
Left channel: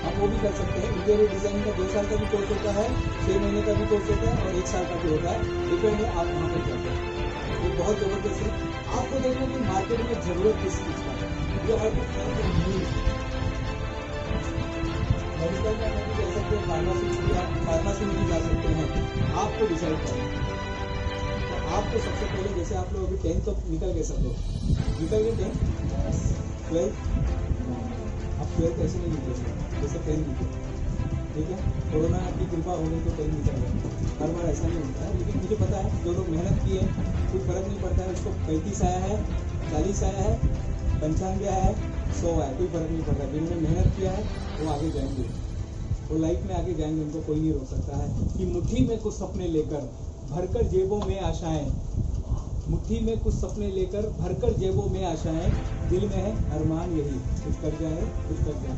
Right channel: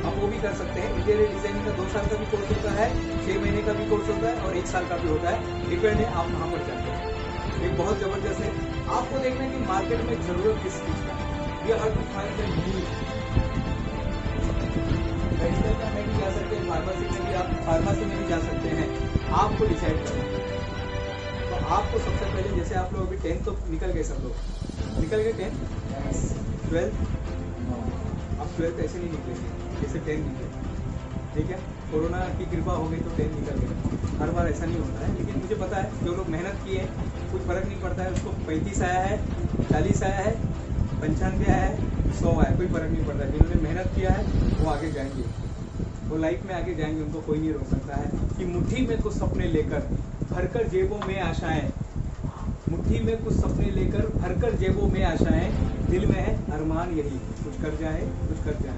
आप वो भी कर सकते हैं। इंटीरियर डिजाइनिंग का 2 साल का भी कोर्स होता है, 6 महीने का भी कोर्स होता है, और 1 साल का भी होता है, डिपेंड है आप वहाँ पर जाते हैं। ये बहुत जबरदस्त है। आपको देखना कि मार्केट में जरूरत किस चीज का है, ये हर कुछ फाइंड द नीड। मेडिकल में नहीं जा सकते, फार्मेसी में भी आप फार्मेसी में भी जा सकते हैं, आपको डिसाइड करना है। तो आपको सबसे पहले, जैसे आप लोग अभी 10th तो निकल गए, सब लोग निकल गए 10th 12th, आप 12th ऐसे नहीं निकलेंगे जैसे 10th निकले, ठीक है। कोरोना की कृपा हो गई तो 10th निकल गए, हर बार ऐसा नहीं होता है। लेकिन मुझे पता है जो लोग मेहनत किए कुछ फर्क नहीं पड़ता है, उसको 35 आया है, 40 आया है, 95 आया है, 100 आया, कोई फर्क नहीं पड़ता। जिन्होंने मेहनत किया है वो आगे जाएंगे, वो लाइफ में आगे जाएंगे, उनको कोई नहीं रोक सकता है। कि मुट्ठी में कुछ सपने लेकर भरकर जेबों में आशाएं, मुट्ठी में कुछ सपने लेकर भरकर जेबों में आशाएं, दिल में है अरमान यही, कुछ कर जाए कुछ कर जाए।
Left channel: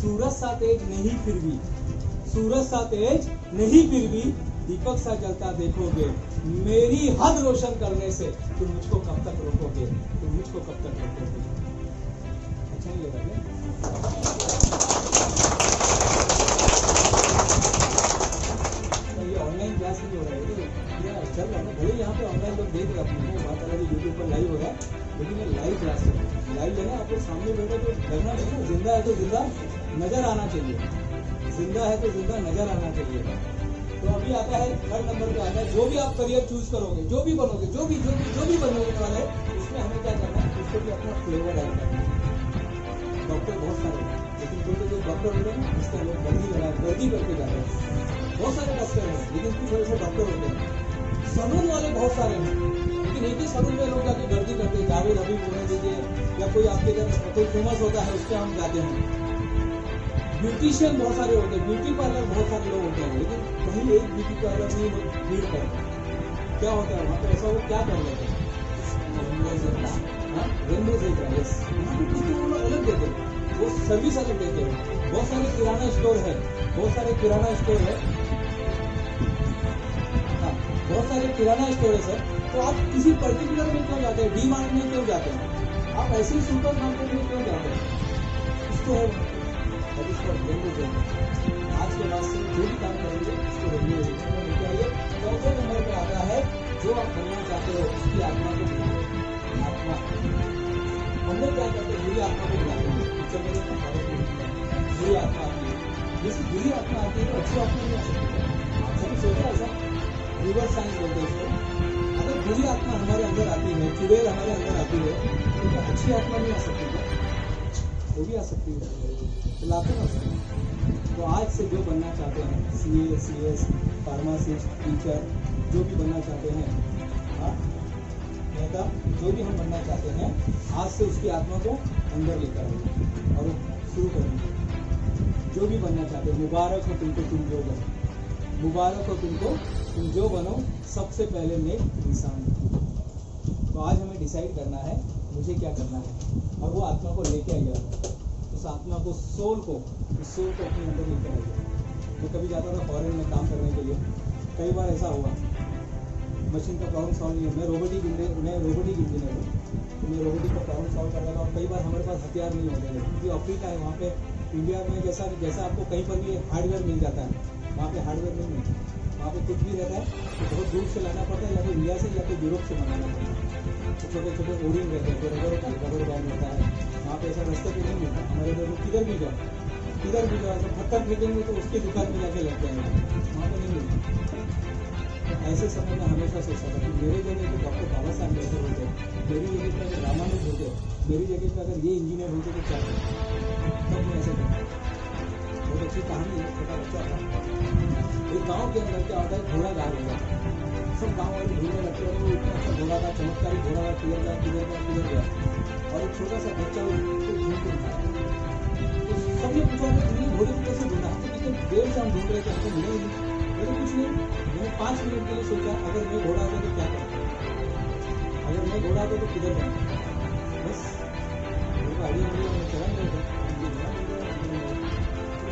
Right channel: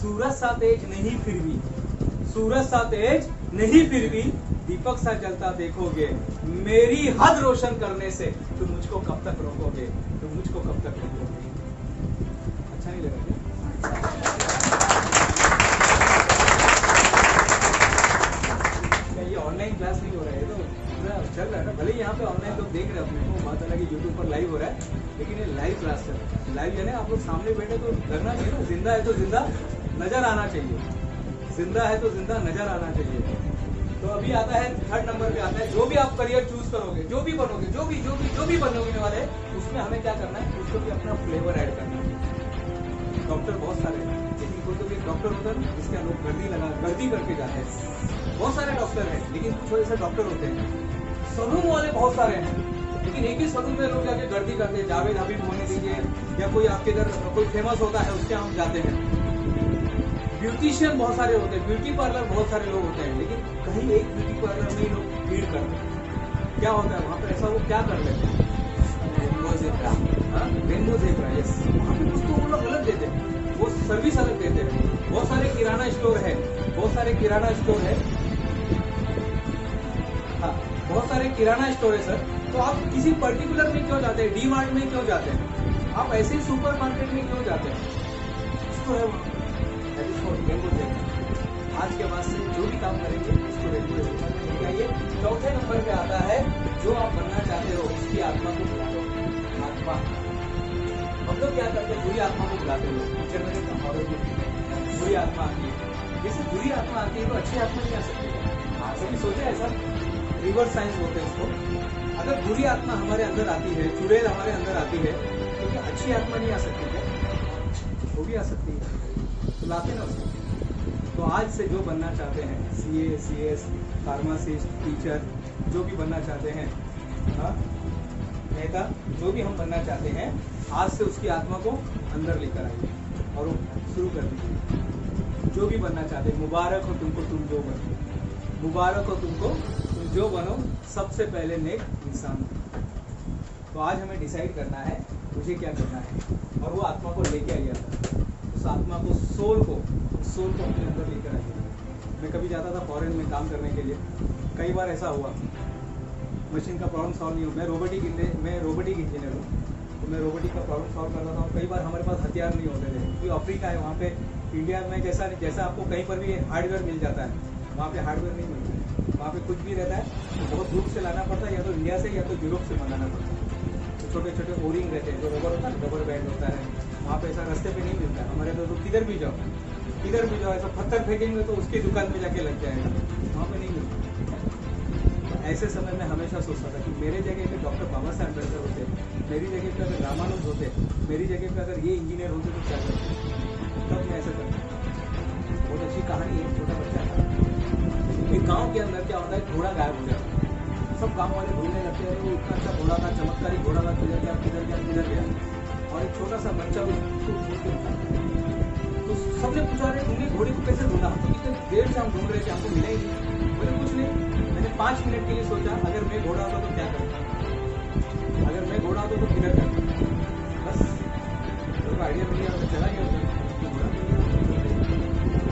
सूरज सा तेज नहीं फिर भी, सूरज सा तेज नहीं फिर भी, दीपक सा जलता देखोगे, मेरी हद रोशन करने से तुम मुझको कब तक रोकोगे, तुम मुझको कब तक रोकोगे। अच्छा नहीं लगा क्या? ये ऑनलाइन क्लास नहीं हो रहा है, तो पूरा चल रहा है ना। भले यहाँ पे ऑनलाइन लोग देख रहे हैं अपने को, बात अलग है, यूट्यूब पर लाइव हो रहा है, लेकिन ये लाइव क्लास चल रहा है। लाइव है ना, आप लोग सामने बैठे तो लगना चाहिए ना, जिंदा है तो जिंदा नजर आना चाहिए, जिंदा है तो जिंदा नजर आना चाहिए। तो अभी आता है 3rd नंबर पे आता है, जो भी आप करियर चूज करोगे, जो भी बनोगे, जो भी बनोगे वाले, उसमें हमें क्या करना है, उसको भी अपना फ्लेवर ऐड करना है। डॉक्टर बहुत सारे हैं, लेकिन कोई तो एक डॉक्टर होता है ना जिसके लोग गर्दी करके जाते हैं। बहुत सारे डॉक्टर हैं, लेकिन कुछ ऐसे डॉक्टर होते हैं। सलून वाले बहुत सारे हैं, लेकिन एक ही सलून में लोग जाके गर्दी करते हैं। जावेद हबीब होने दीजिए, या कोई आपके इधर कोई फेमस होता है, उसके हम जाते हैं। ब्यूटिशियन बहुत सारे होते हैं, ब्यूटी पार्लर बहुत सारे लोग होते हैं, लेकिन कहीं एक ब्यूटी पार्लर में लोग भीड़ करते हैं। क्या होता है वहाँ पर, ऐसा वो क्या कर लेते हैं, रेनबो ज़ेब्रा, यस, वहाँ पे कुछ तो वो लोग अलग देते हैं, वो सर्विस अलग देते हैं। बहुत सारे किराना स्टोर है, बहुत सारे किराना स्टोर है, हाँ बहुत सारे किराना स्टोर है सर। तो आप किसी पर्टिकुलर में क्यों जाते हैं, डी मार्ट में क्यों जाते हैं, आप ऐसे ही सुपर मार्केट में क्यों जाते हैं, इसको है वहाँ पे। आज के बाद से जो भी काम करेंगे इसको रेगुलर लेके आइए। 4थे नंबर पे आता है, जो आप बनना चाहते हो उसकी आत्मा को बुलाओ। आत्मा, हम लोग क्या करते हैं, बुरी आत्मा को बुलाते हैं। पिक्चर में कहावत है, बुरी आत्मा आती है, जैसे बुरी आत्मा आती है तो अच्छी आत्मा नहीं आ सकती है। कभी सोचा ऐसा? रिवर्स साइंस बोलते हैं उसको। अगर बुरी आत्मा हमारे अंदर आती है, चुड़ैल हमारे अंदर आती है, तो क्या अच्छी आत्मा नहीं आ सकती क्या? वो भी आ सकती है, तो लाते ना उसको। तो आज से जो बनना चाहते हैं, CA, CS, फार्मासिस्ट, टीचर, जो भी बनना चाहते हैं, नेता, जो भी हम बनना चाहते हैं, आज से उसकी आत्मा को अंदर लेकर आइए और वो शुरू कर दीजिए। जो भी बनना चाहते हैं, मुबारक हो तुमको, तुम जो बनो, मुबारक हो तुमको, तुम जो बनो, सबसे पहले नेक इंसान हो। तो आज हमें डिसाइड करना है मुझे क्या करना है, और वो आत्मा को लेके आइए, उस आत्मा को, सोल को, उस सोल को अपने अंदर लेकर आइए। मैं कभी जाता था फॉरेन में काम करने के लिए, कई बार ऐसा हुआ मशीन का प्रॉब्लम सॉल्व नहीं हो। मैं रोबोटिक इंजीनियर हूँ, तो मैं रोबोटिक का प्रॉब्लम सॉल्व करता था, और कई बार हमारे पास हथियार नहीं होते थे, क्योंकि अफ्रीका है, वहाँ पे इंडिया में जैसा आपको कहीं पर भी हार्डवेयर मिल जाता है, वहाँ पे हार्डवेयर नहीं मिलता। वहाँ पे कुछ भी रहता है तो बहुत दूर से लाना पड़ता है, या तो इंडिया से या तो यूरोप से मंगाना पड़ता है। तो छोटे छोटे ओरिंग रहते हैं, जो रबर होता है, रबर बैंड होता है, वहाँ पे ऐसा रास्ते पे नहीं मिलता। हमारे तो किधर भी जाओ ऐसा पत्थर फेंकेंगे तो उसकी दुकान में जाके लग जाएगा, वहाँ पे नहीं मिलता। तो ऐसे समय में हमेशा सोचता था कि मेरे जगह पे डॉक्टर बाबा साहब अम्बेडकर होते, मेरी जगह पे अगर रामानुज होते, मेरी जगह पे अगर ये इंजीनियर होते तो क्या करते, तब मैं ऐसा करता। बहुत अच्छी कहानी है। छोटा बच्चा था, एक गांव के अंदर क्या होता है, घोड़ा गायब हो जाता है। सब गांव वाले ढूंढने लगते हैं, वो इतना अच्छा घोड़ा था, चमत्कारी घोड़ा था, किधर गया। और एक छोटा सा बच्चा उसको ढूंढते था, तो सबने पूछा, अरे तुमने घोड़े को कैसे ढूंढा? हम तो कितने देर से हम ढूंढ रहे थे, हमको मिले ही नहीं। बोले कुछ नहीं, मैंने 5 मिनट के लिए सोचा, अगर मैं घोड़ा होता तो क्या करता, अगर मैं घोड़ा होता तो किधर जाता, बस मेरे को आइडिया मिल गया, मैं चला गया होता।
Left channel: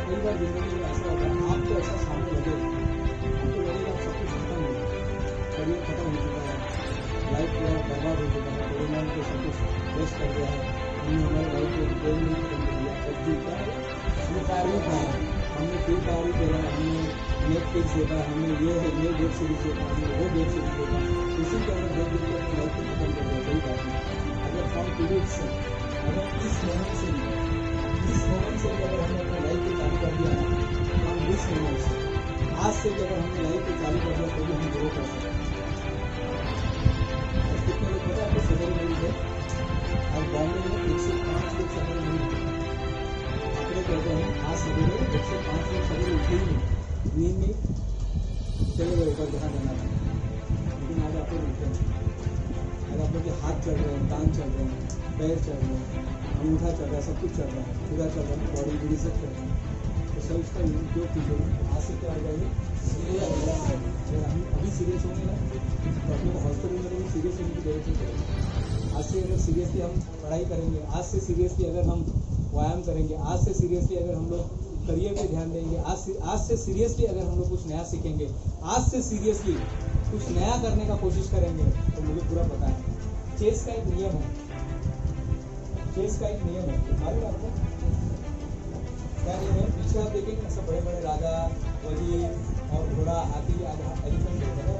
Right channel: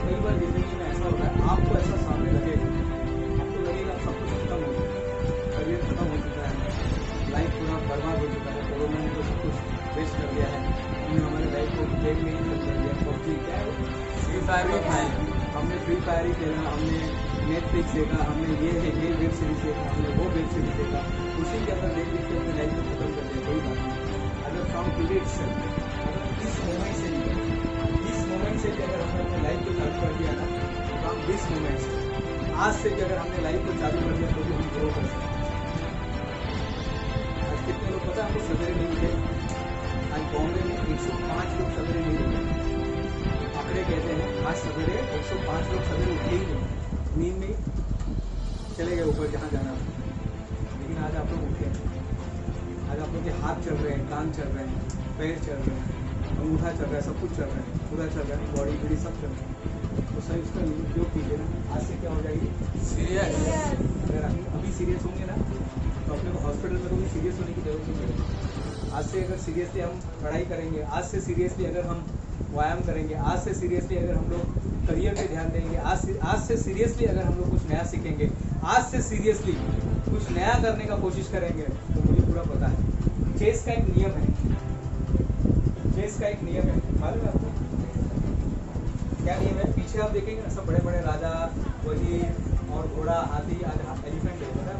कई बार जिंदगी में ऐसा होता है, आपको ऐसा सामने लगे, आपको लगेगा सब कुछ खत्म हो गया, करियर खत्म हो चुका है, लाइफ पूरा बर्बाद हो चुका है, कोरोना में तो सब कुछ वेस्ट कर गया है, हमने हमारी लाइफ को गेम में ही खत्म कर दिया। पबजी क्या है, फ्री फायर, हमने फ्री फायर ही खेला, हमने नेटफ्लिक्स देखा, हमने ये वेब सीरीज देखा, हमने वो वेब सीरीज देखा, उसी के अंदर देख के अपनी लाइफ को खत्म कर दिया। कोई बात नहीं, अगर फ्रॉम टुडे इटसेल्फ, अगर इस मोमेंट से भी अगर हमने अपने लाइफ को चालू कर दिया ना, तो हम दिस मोमेंट से, आज से भी अगर हमने लाइफ को चालू कर दिया तो भी हम ग्रो कर सकते हैं। आज कितने लोग पता है आपको सवेरे नहीं उठे? आज बॉम्बे में 105 लोग सवेरे नहीं उठे, आंकड़े कहते हैं आज सवेरे 105 लोग सवेरे उठे ही नहीं, नींद में चले गए ऊपर जहाँ जाना था। लेकिन आज आप लोग उठे, आज आप लोग के हाथ चल रहे हैं, कान चल रहे हैं, पैर चल रहे हैं, अंगूठा चल रहा है, सब कुछ चल रहा है, पूरा चल रहा है, बॉडी बॉडी सब चल रहा है। तो सर इसका उपयोग कीजिए ना, आज से क्या हो जाएगी सीरियस। अगर हम अभी सीरियस होंगे ना, तो अपने को हॉस्पिटल में कभी सीरियस होने की जरूरत नहीं पड़ेगी। आज से अगर सीरियसली हम पढ़ाई करेंगे, आज से सीरियसली अगर हम व्यायाम करेंगे, आज से सीरियसली अगर हम लोग करियर पे ध्यान देंगे, आज से सीरियसली अगर हम लोग कुछ नया सीखेंगे, आज से सीरियसली कुछ नया करने का कोशिश करेंगे, तो मुझे पूरा पता है चेस का एक नियम है, चेस का एक नियम है, मालूम है आपको क्या नियम है? पीछे आप देखेंगे ना, सब बड़े बड़े राजा, वजीर और घोड़ा, हाथी, आज एलिफेंट है,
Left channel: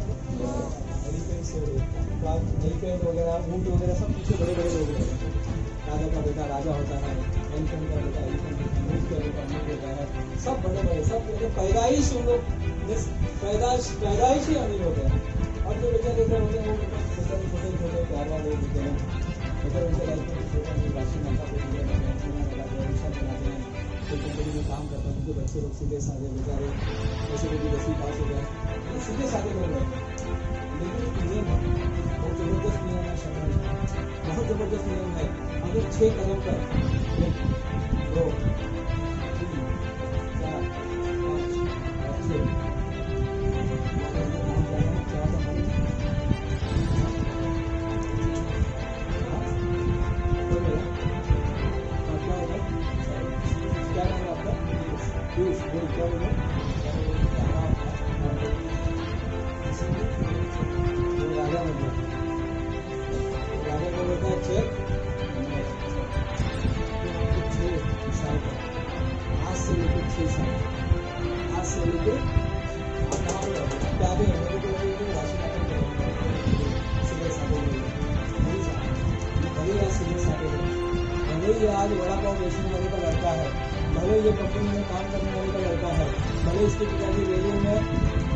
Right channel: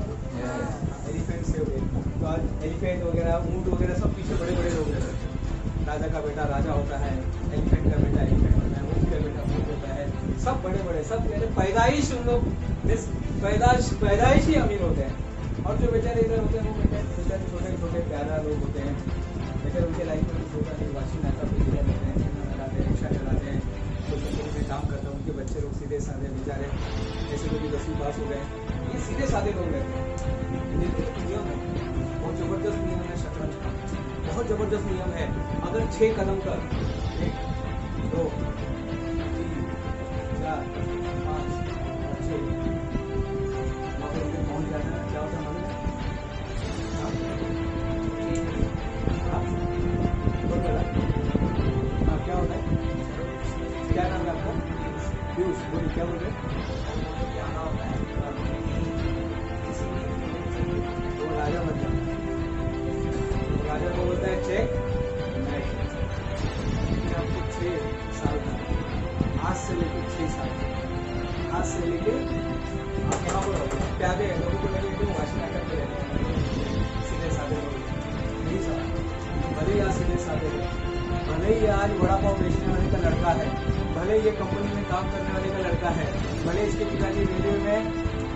एलिफेंट से हो गए, तो आज एलिफेंट वगैरह, ऊंट वगैरह सब पीछे बड़े बड़े लोग हैं। राजा का बेटा राजा होता है, एलिफेंट का बेटा एलिफेंट होता है, ऊंट का बेटा ऊंट होता है, सब बड़े बड़े, सब पैदाइश उन लोग पैदाइश ही अमीर होते हैं। और जो बेचारे इधर होते हैं वो बेचारे छोटे छोटे प्यारा लोग होते हैं, बेचारे उनके लाइफ में कुछ होता नहीं, वाशी नाका पे पूजा करते हैं, चूना लगाते हैं, रिक्शा चलाते हैं, तो कंपनी में काम करता है, उनके बच्चे लोग सीधे साधे बेचारे ऐसे भी 10वीं पास हो गए, ये सीधे साधे लोग रहते हैं। लेकिन नियम है, बहुत ज़बरदस्त नियम है शतरंज, बहुत ज़बरदस्त नियम है। अगर 6 कदम का 1 2 3 4 5 और 6 अगर इधर पहुँच जाता है क्या होता है? क्या होता है? क्या नाम है आपका? पीयूष, बोलिए क्या बोल रहे हैं? वो राजा बन गया, राजा को बोलता है चेक, लेकिन आपको 6 साल का, आज से लेकर 6 साल, आज से लेकर आप कहाँ पर रहोगे? प्यादे हैं, लोगों को लगे तो वाशी नाटक करेंगे, सीधे साधे लोग, भले ही आज सीधे साधे हो, भले ही आज वड़ा पाव बेचने वाले का लड़का है, भले ये कंपनी में काम करने वाले का लड़का है, भले इसके पिताजी रेलवे में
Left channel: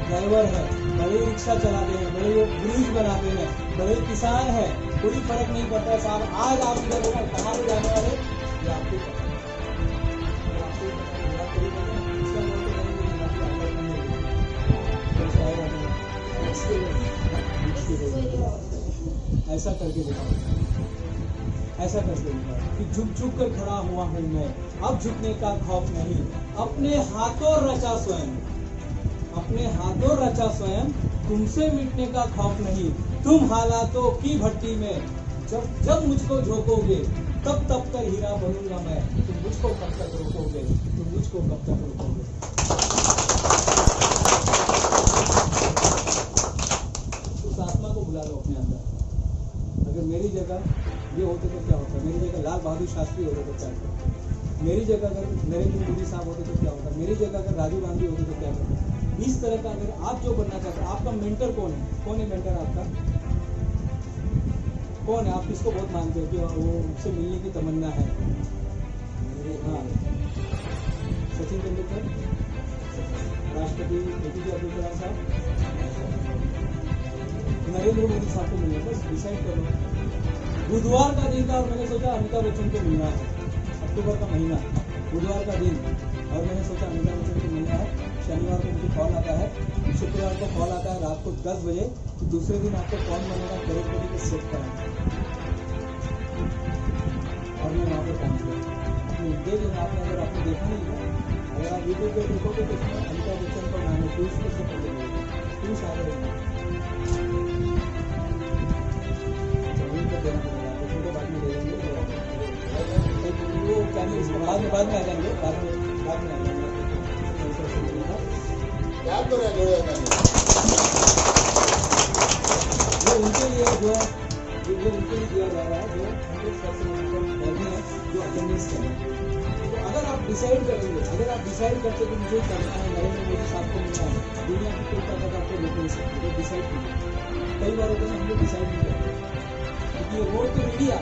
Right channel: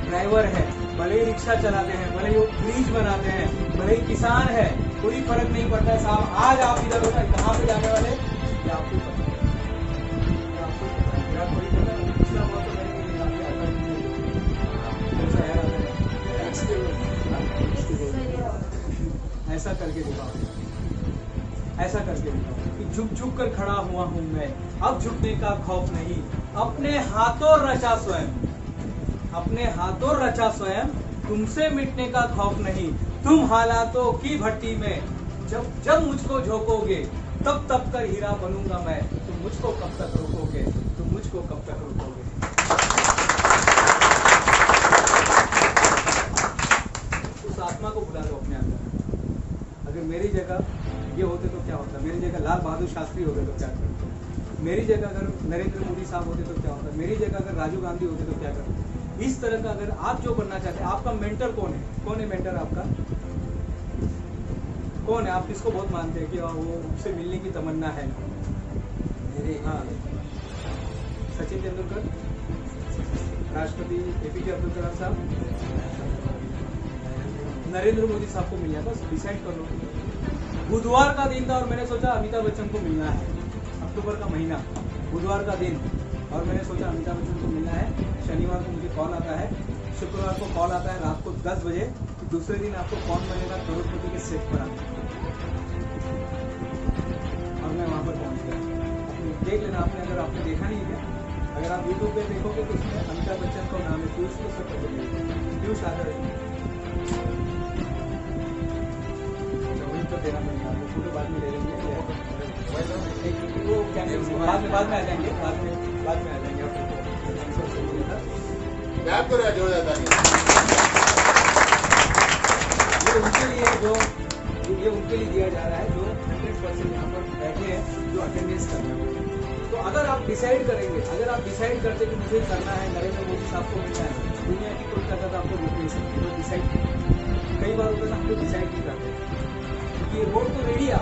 ड्राइवर है, भले ही रिक्शा चलाते हैं, भले ही वो ब्रिज बनाते हैं, भले ही किसान है, कोई फर्क नहीं पड़ता है साहब। आज आप इधर होगा, कहाँ पे जाने वाले ये आपको पता है, ये आपको पता है, आपको भी पता है। दूसरा बात तो करेंगे नहीं, आपकी आदत नहीं है, कौन सा है ऐसा करके दिखाओ, ऐसा करके दिखाओ कि झुक झुक कर खड़ा हुआ हूं मैं, अब झुकने का खौफ नहीं, अपने हाथों रचा स्वयं, अपने हाथों रचा स्वयं, तुमसे मिटने का खौफ नहीं। तुम हालातों की भट्टी में जब जब मुझको झोंकोगे, तब तब कर हीरा बनूंगा मैं। तुम मुझको कब तक रोकोगे, तुम मुझको कब तक रोकोगे। उस आत्मा को बुला लो अपने अंदर। अगर मेरी जगह ये होते तो क्या होता, मेरी जगह लाल बहादुर शास्त्री होते तो क्या करते, मेरी जगह अगर नरेंद्र मोदी साहब होते तो क्या होता, मेरी जगह अगर राजीव गांधी होते तो क्या करते। इस तरह का अगर आप जो बनना चाहते हैं, आपका मेंटर कौन है, कौन है मेंटर आपका, कौन है, आप किसको बहुत मानते हैं कि वो उससे मिलने की तमन्ना है। हाँ, सचिन तेंदुलकर, राष्ट्रपति APJ अब्दुल कलाम साहब, नरेंद्र मोदी साहब को मिलना है, बस डिसाइड कर लो। बुधवार का दिन था और मैंने सोचा अमिताभ बच्चन को मिलना है, अक्टूबर का महीना, बुधवार का दिन, और मैंने सोचा अमिताभ बच्चन को मिलना है। शनिवार को मुझे कॉल आता है, शुक्रवार को कॉल आता है रात को 10 बजे कि दूसरे दिन आपको कौन बनेगा करोड़पति के सेट पर आना, और मैं वहां पर पहुंच गया। देख लेना आपने, अगर आपने देखा नहीं है, अगर आप यूट्यूब पे देखोगे तो उसमें अमिताभ बच्चन का नाम है, पीयूष को सब पता नहीं, पीयूष आगर देना पड़ेगा आपको, फोटो बाद में ले लेंगे, वो कैमरे बाद में आ जाएंगे, बाद में आ जाएंगे। ये उनके लिए जो ये उनके लिए दिया जा रहा है जो बैठे हैं, जो अटेंडेंस कर रहे हैं। तो अगर आप डिसाइड करेंगे, अगर आप डिसाइड करते कि मुझे करना है, नरेंद्र मोदी साहब को मिलना है, दुनिया की कोई ताकत आपको रोक नहीं सकती, तो डिसाइड कीजिए। कई बार होता है हम लोग डिसाइड नहीं करते, क्योंकि रोड तो रेडी है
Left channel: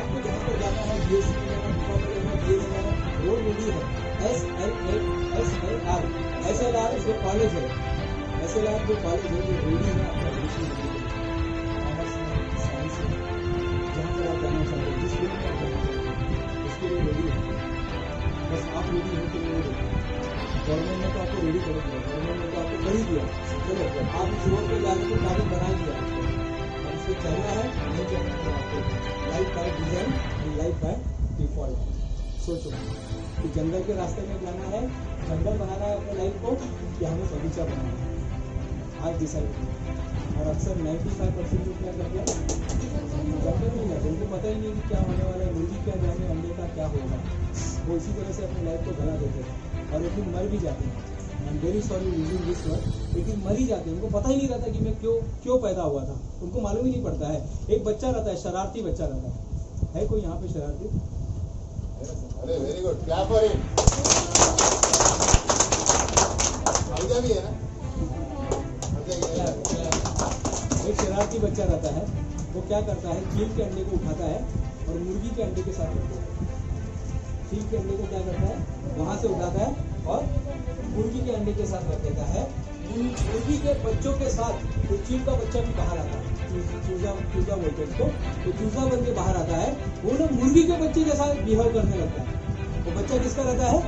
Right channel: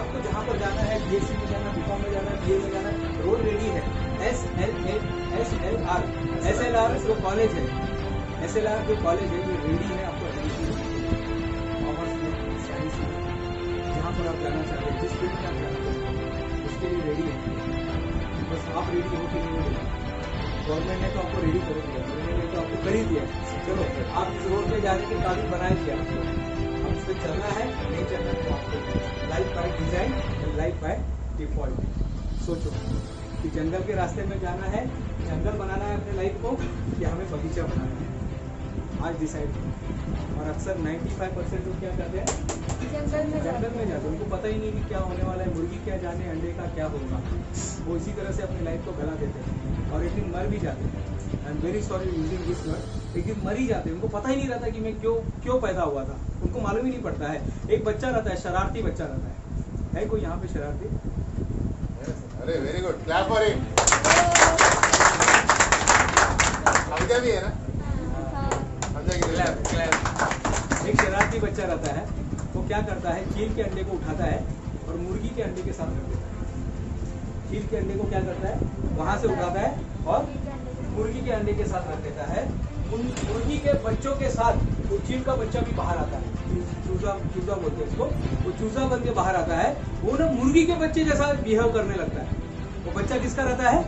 आपको जहाँ पर जाना है, BSc में जाना, BCom में जाना, BA में जाना, रोड रेडी है। SLR जो कॉलेज है, SLR जो कॉलेज है, वो रेडी है आपको एडमिशन कॉमर्स में, साइंस में, जहाँ पर आप जाना चाहते हैं, जिस फील्ड में आप जाना चाहते हैं, उसके लिए रेडी है। बस आप रेडी हो कि नहीं रेडी, गवर्नमेंट ने तो आपको रेडी कर दिया, गवर्नमेंट ने तो आपको कर ही दिया। चलो आप इस रोड पे जाने के काबिल बना दिया आपको, अब उस पर चलना है, नहीं चलना है तो आपको life by design and life by default. सोचो कि जंगल के रास्ते में जाना है, जंगल बनाना है अपने लाइफ को, या हमें बगीचा बनाना है, आज डिसाइड करो। और अक्सर 95% लोग क्या करते हैं, जंगल में जाते, उनको पता ही नहीं कि क्या होने वाला है, मुर्गी क्या जाने अंडे का क्या होगा, वो इसी तरह से अपनी लाइफ को गला देते हैं और एक दिन मर भी जाते हैं। I am very sorry using this word, एक दिन मर ही जाते हैं, उनको पता ही नहीं रहता कि मैं क्यों पैदा हुआ था, उनको मालूम ही नहीं पड़ता है। एक बच्चा रहता है, शरारती बच्चा रहता है कोई यहाँ पे शरारती? अरे very good, clap for him. Idea भी है ना, एक शरारती बच्चा रहता है, वो क्या करता है, चील के अंडे को उठाता है और मुर्गी के अंडे के साथ रख देता है। चील के अंडे को क्या करता है, वहां से उठाता है और मुर्गी के अंडे के साथ रख देता है। उन मुर्गी के बच्चों के साथ वो चील का बच्चा भी बाहर आता है, चूजा बोलते हैं इसको, वो चूजा बन के बाहर आता है, वो ना मुर्गी के बच्चे जैसा बिहेव करने लगता है। वो बच्चा किसका रहता है,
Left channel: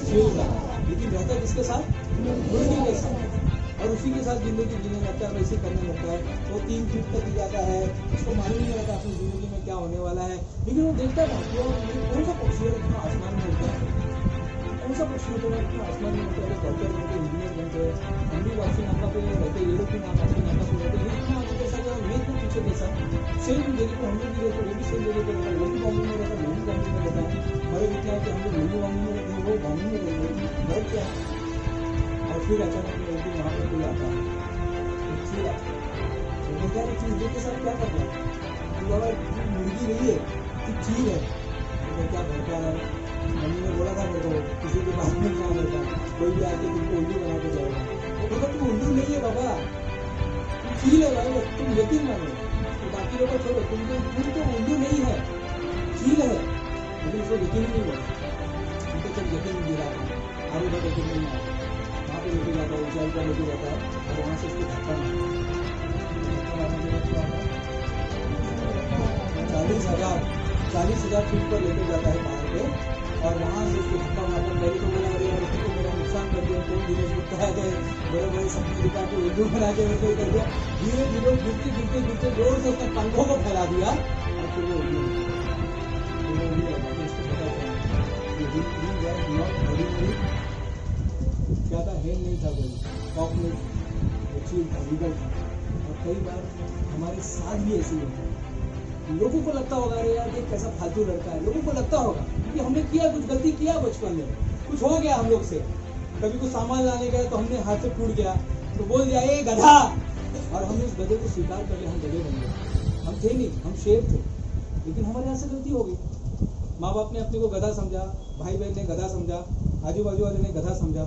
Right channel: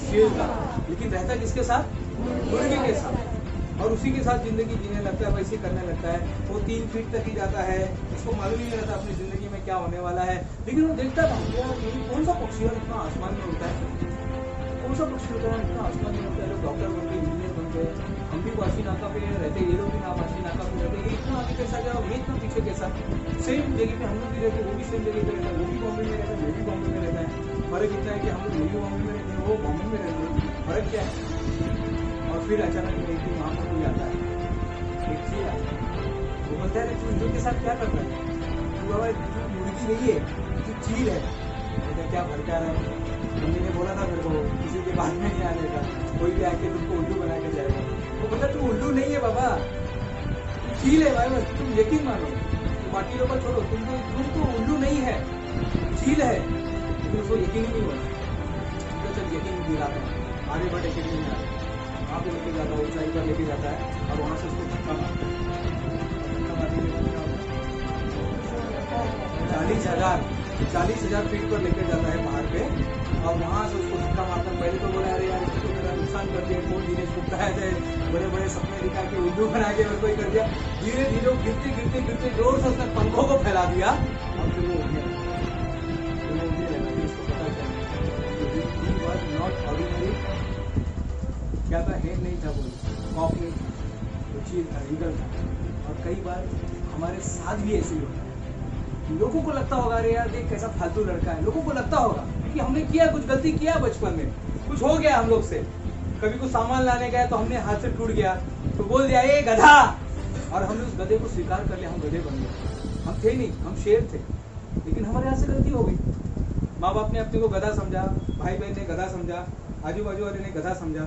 चील का, लेकिन रहता किसके साथ, मुर्गी के साथ, और उसी के साथ जिंदगी जीने लगता है, वैसे करने लगता है। वो 3 फीट तक ही जाता है, उसको मालूम नहीं रहता अपनी जिंदगी में क्या होने वाला है, लेकिन वो देखता है कौन सा पक्षी है इतना आसमान में उड़ता है, कौन सा पक्षी होता है इतना आसमान में उड़ता है। डॉक्टर बनते, इंजीनियर बनते, हम भी वाशी नाका पे रहते, ये लोग भी वाशी नाका पे रहते, ये इतना आगे कैसा जा, मैं इतना पीछे कैसा, सेम जगह पे हम लोग भी रहते, वो भी सेम जगह पे रहता है, वो भी बॉम्बे में रहता है, वो भी बॉम्बे में रहता है। फर्क इतना है कि हम लोग न्यू बॉम्बे में रहते हैं, वो बॉम्बे में रहते हैं, फर्क क्या है। और फिर अचानक में एक दिन वहाँ पर कोई आता है, एक चील आता है, वो बोलता है चील के साथ क्या करता है, तू बाबा तू मुर्गी नहीं है, तू चील है। तो क्या भड़का रहा है, मम्मी ने बोला था मेरे को किसी के बाद में नहीं आने का, कोई भी आके तुमको उल्लू बना के जाएगा। वो बोलता तू उल्लू नहीं है बाबा, तू चील है भाई, तुम यकीन मानो, तो बाकी लोग छोड़ो, तुम तो उल्लू नहीं है, चील है। लेकिन उसको यकीन ही नहीं हुआ, उनको चल यकीन दिलाता हूँ, आर्यभट्ट यकीन नहीं आया, वहाँ को लेके जाता है, ऊंचाई पर लेके जाता है और वहाँ से उसको धक्का मारता है। धक्का मारने के बाद क्या होता है, 40,000 फीट पर लेके जाता है पहाड़ पे और वहाँ से उसको धक्का मारकर पहले तो बोला अरे यार इसने तो मेरा नुकसान कर दिया, कौन दिनेश गुप्ता है थे, बड़े बड़े सपने दिखा के उल्लू बना के और कोई कर दिया। धीरे धीरे गिरते गिरते गिरते जोर से उसने पंखों को फैला दिया और फिर वो उड़ने लगा। इसको पता चला नॉट ऑर्डिनरी, क्या था, हेन नहीं था, कोई कॉक नहीं था, वो चील था, लीगल था। और कई बार हमारे साथ भी ऐसे ही होता है। लोगों को लगता होगा अरे यार देख कैसा फालतू लड़का है, लोगों को लगता होगा कि हमने किया, कुछ गलती किया बचपन में, कुछ हो गया हम लोग से, कभी कुछ सामान लाने गए तो हमने हाथ से टूट गया तो बोल दिया ए गधा, और हमने उस गधे को स्वीकार कर लिया, हम गधे बन गए। हम थे नहीं, हम शेर थे, लेकिन हमारे हाथ से गलती हो गई। माँ बाप ने अपने को गधा समझा, भाई बहन ने गधा समझा, आजू बाजू वाले ने गधा समझा,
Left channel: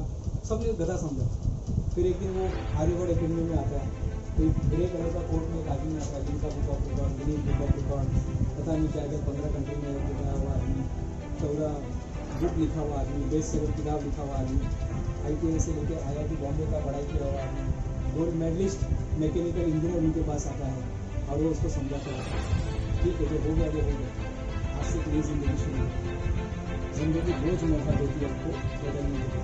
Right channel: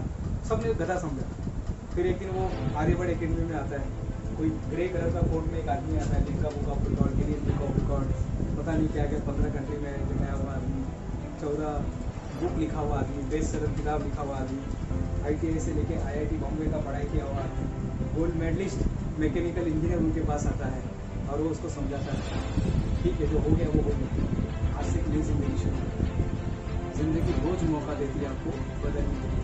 सबने गधा समझा। फिर एक दिन वो आर्यभट्ट एकेडमी में आता है, कोई ग्रे कलर का कोट में एक आदमी आता है, Limca book of record, Guinness book of record, पता नहीं क्या क्या 15 कंट्री में बनाया हुआ आदमी, 14 बुक लिखा हुआ आदमी, बेस्ट सेलर किताब लिखा हुआ आदमी, ITI से लेके IIT बॉम्बे का पढ़ाई किया हुआ आदमी, गोल्ड मेडलिस्ट मैकेनिकल इंजीनियर उनके पास आता है और वो उसको समझाता है ठीक है जो हो गया वो हो गया, आज से नई जिंदगी शुरू हो। जिंदगी रोज मौका देती है आपको बदलने के लिए।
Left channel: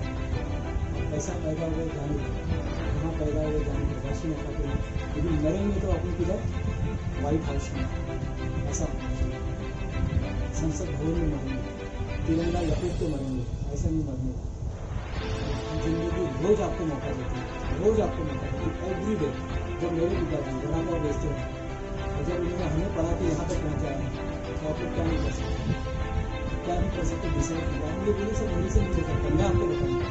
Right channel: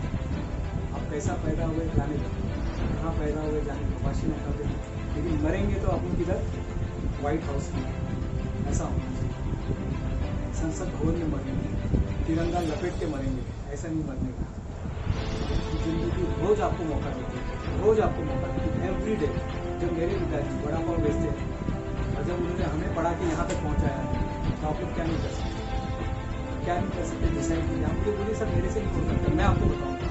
आप कैसा पैदा हुए जाने का, कहाँ पैदा हुए जाने का, वाशी न खाते हैं, लेकिन मरेंगे तो अपन किधर, व्हाइट हाउस में, ऐसा होना चाहिए। संसद भवन में मरेंगे, तिरंगा लपेट के मरेंगे, ऐसा नहीं मरने का। जिंदगी रोज आपको मौका देती है, रोज आपको मौका देती है, एवरी डे। जब मेरे पिताजी बड़ा पाव बेचते हैं और जब उन्होंने हमें पढ़ा के यहाँ तक पहुँचाया तो आप लोग क्या नहीं कर सकते, क्या नहीं कर सकते, डिसाइड कीजिए। हम ये बोले सर मेरे से नहीं हो सकता, मैं आपको बताऊँगा।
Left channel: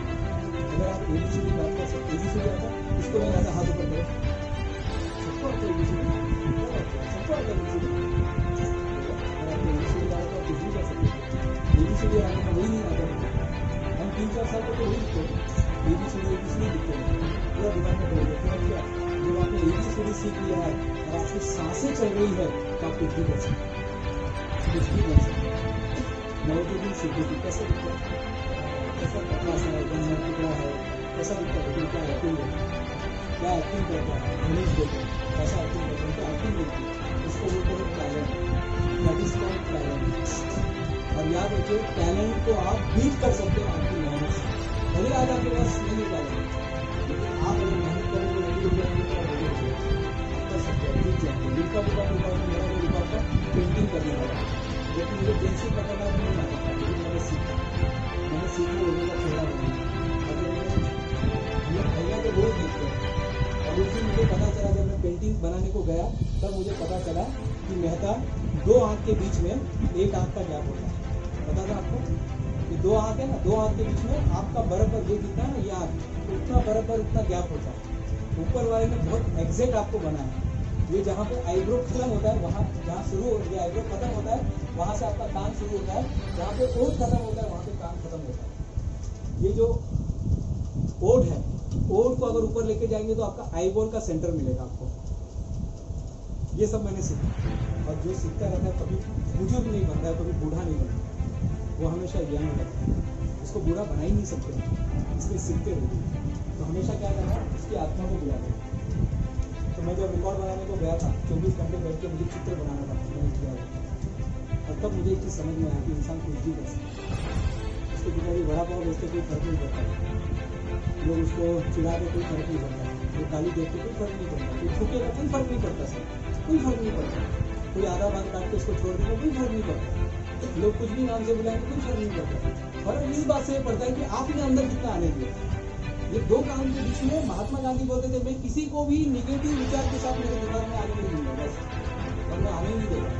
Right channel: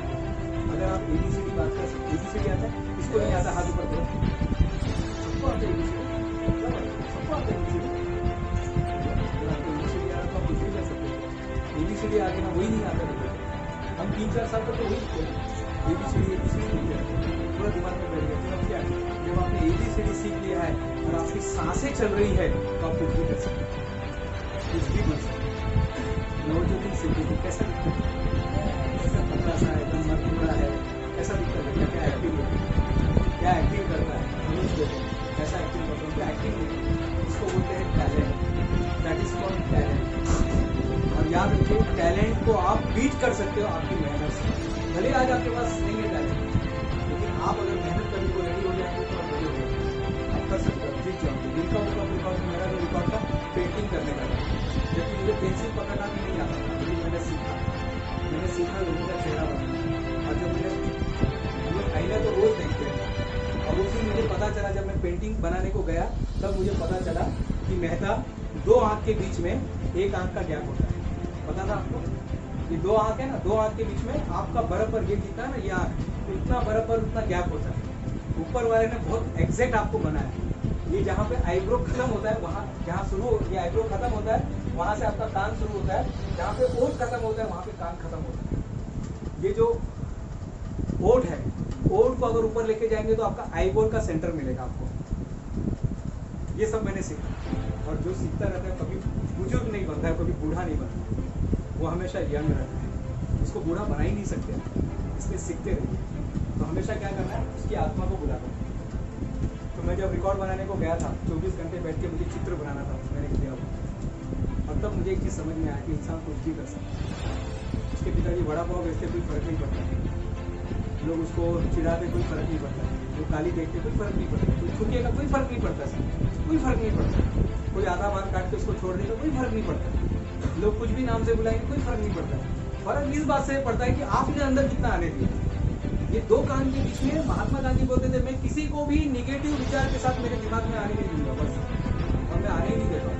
अगर आप ABCD बात कर सकते, ABCD आता है, इसको नहीं आता हाथ ऊपर करो, सबको आता है ABCD, सबको आता है ABCD। अगर आपको ABCD आ रहा तो आप कुछ भी कर सकते हैं। ABCD आगे ना वही नहीं आता मुझे, हम 3-4 साल तक तो वही दिखते हैं, ABCD दिखते हैं, पूरा दिमाग में बैठ गया। फिर क्या, जब आपने ABCD सीख लिया है और आपकी सांसें चल रही है तो आप कुछ भी कर सकते हैं, कुछ भी बन सकते हैं। नवजोगिन सिद्धि कैसा दिखता है, कैसा पतला सा है, एकदम टुकड़ा है, कैसा दिखता है, लेकिन क्या एक्टिंग होती है, क्या एक्टिंग करता है, मनीष देते हैं कैसा एक्टिंग करते हैं, क्या एक्टिंग होती है, इसको बोलते हैं talent, that is called talent. और याद रखिए टैलेंट को आप बीट कर सकते हो आपकी मेहनत से। भले आज आपके पास नहीं है टैलेंट, लेकिन आप अगर मेहनत करने को रेडी हो जाएंगे तो रेडी हो जाएंगे, आप कर सकते हो, जीत जाएंगे। जिनका बुक रिकॉर्ड में मेरा जो रिकॉर्ड था पेंटिंग करने का था, जबकि मुझे पेंसिल पकड़ना भी नहीं आता था, लेकिन मैंने सीखा लोगों का चेहरा बनाया। और जब हम लोग आईना तो रोज देखते हैं, और उस दिन मुझे पता चला जब मैं पेंटिंग बनाने को गया तब मुझे पता चला कि मेहता 2 आंख के बीच में 1 आंख का गैप होता है। पता था आपको, ये 2 आंख है ना, 2 आंख के बीच में आपका बराबर ये कितना है ना, ये आंख उतना बराबर उतना गैप होता है। ऊपर वाले ने बहुत एग्जैक्ट आपको बनाया। ये जहाँ पे आईब्रो खत्म होता है, वहाँ जहाँ शुरू ये आईब्रो खत्म होता है, वहाँ से आपका कान शुरू होता है, जहाँ पे ओठ खत्म होता है वहाँ पे कान खत्म होता है। ये जो ओठ है, ओठ को अगर ऊपर लेके जाएंगे तो आपका आईबॉल का सेंटर मिलेगा आपको। ये सब मैंने सीखा, और जो सीखता रहता है कभी बुजुर्ग नहीं बनता है, कभी बूढ़ा नहीं बनता, वो हमेशा यंग रहता है। उसको बूढ़ा बना ही नहीं सकते, इसलिए सीखते रहते हैं। तो हमेशा क्या करना है, उसकी आत्मा को बुलाते हैं। तो मैं जब रिकॉर्ड बनाने को गया था, 24 घंटे बैठ के मुझे चित्र बनाना था, मैंने किया वो। और तब मुझे एक चीज़ समझ में आया कि इंसान कुछ भी कर सकता है। उसके पिताजी बड़ा पाव बेचते, कोई फर्क नहीं पड़ता है, लोग उसको चिढ़ाते, कोई फर्क नहीं पड़ता है, लोग गाली देखते, कोई फर्क नहीं पड़ता, कोई थूकेगा, कोई फर्क नहीं पड़ता, सर कोई फर्क नहीं पड़ता, कोई आधा बाल काट के उसको छोड़ देगा, कोई फर्क नहीं पड़ता, लोग कुछ भी नाम से बुलाएंगे, कोई फर्क नहीं पड़ता। फर्क इस बात से पड़ता है कि आपने अंदर कितना आने दिया। ये 2 कान के बीच में महात्मा गांधी बोलते थे, मैं किसी को भी निगेटिव विचार के साथ मेरे दिमाग में आने नहीं दूंगा बस, और मैं आने ही नहीं देगा।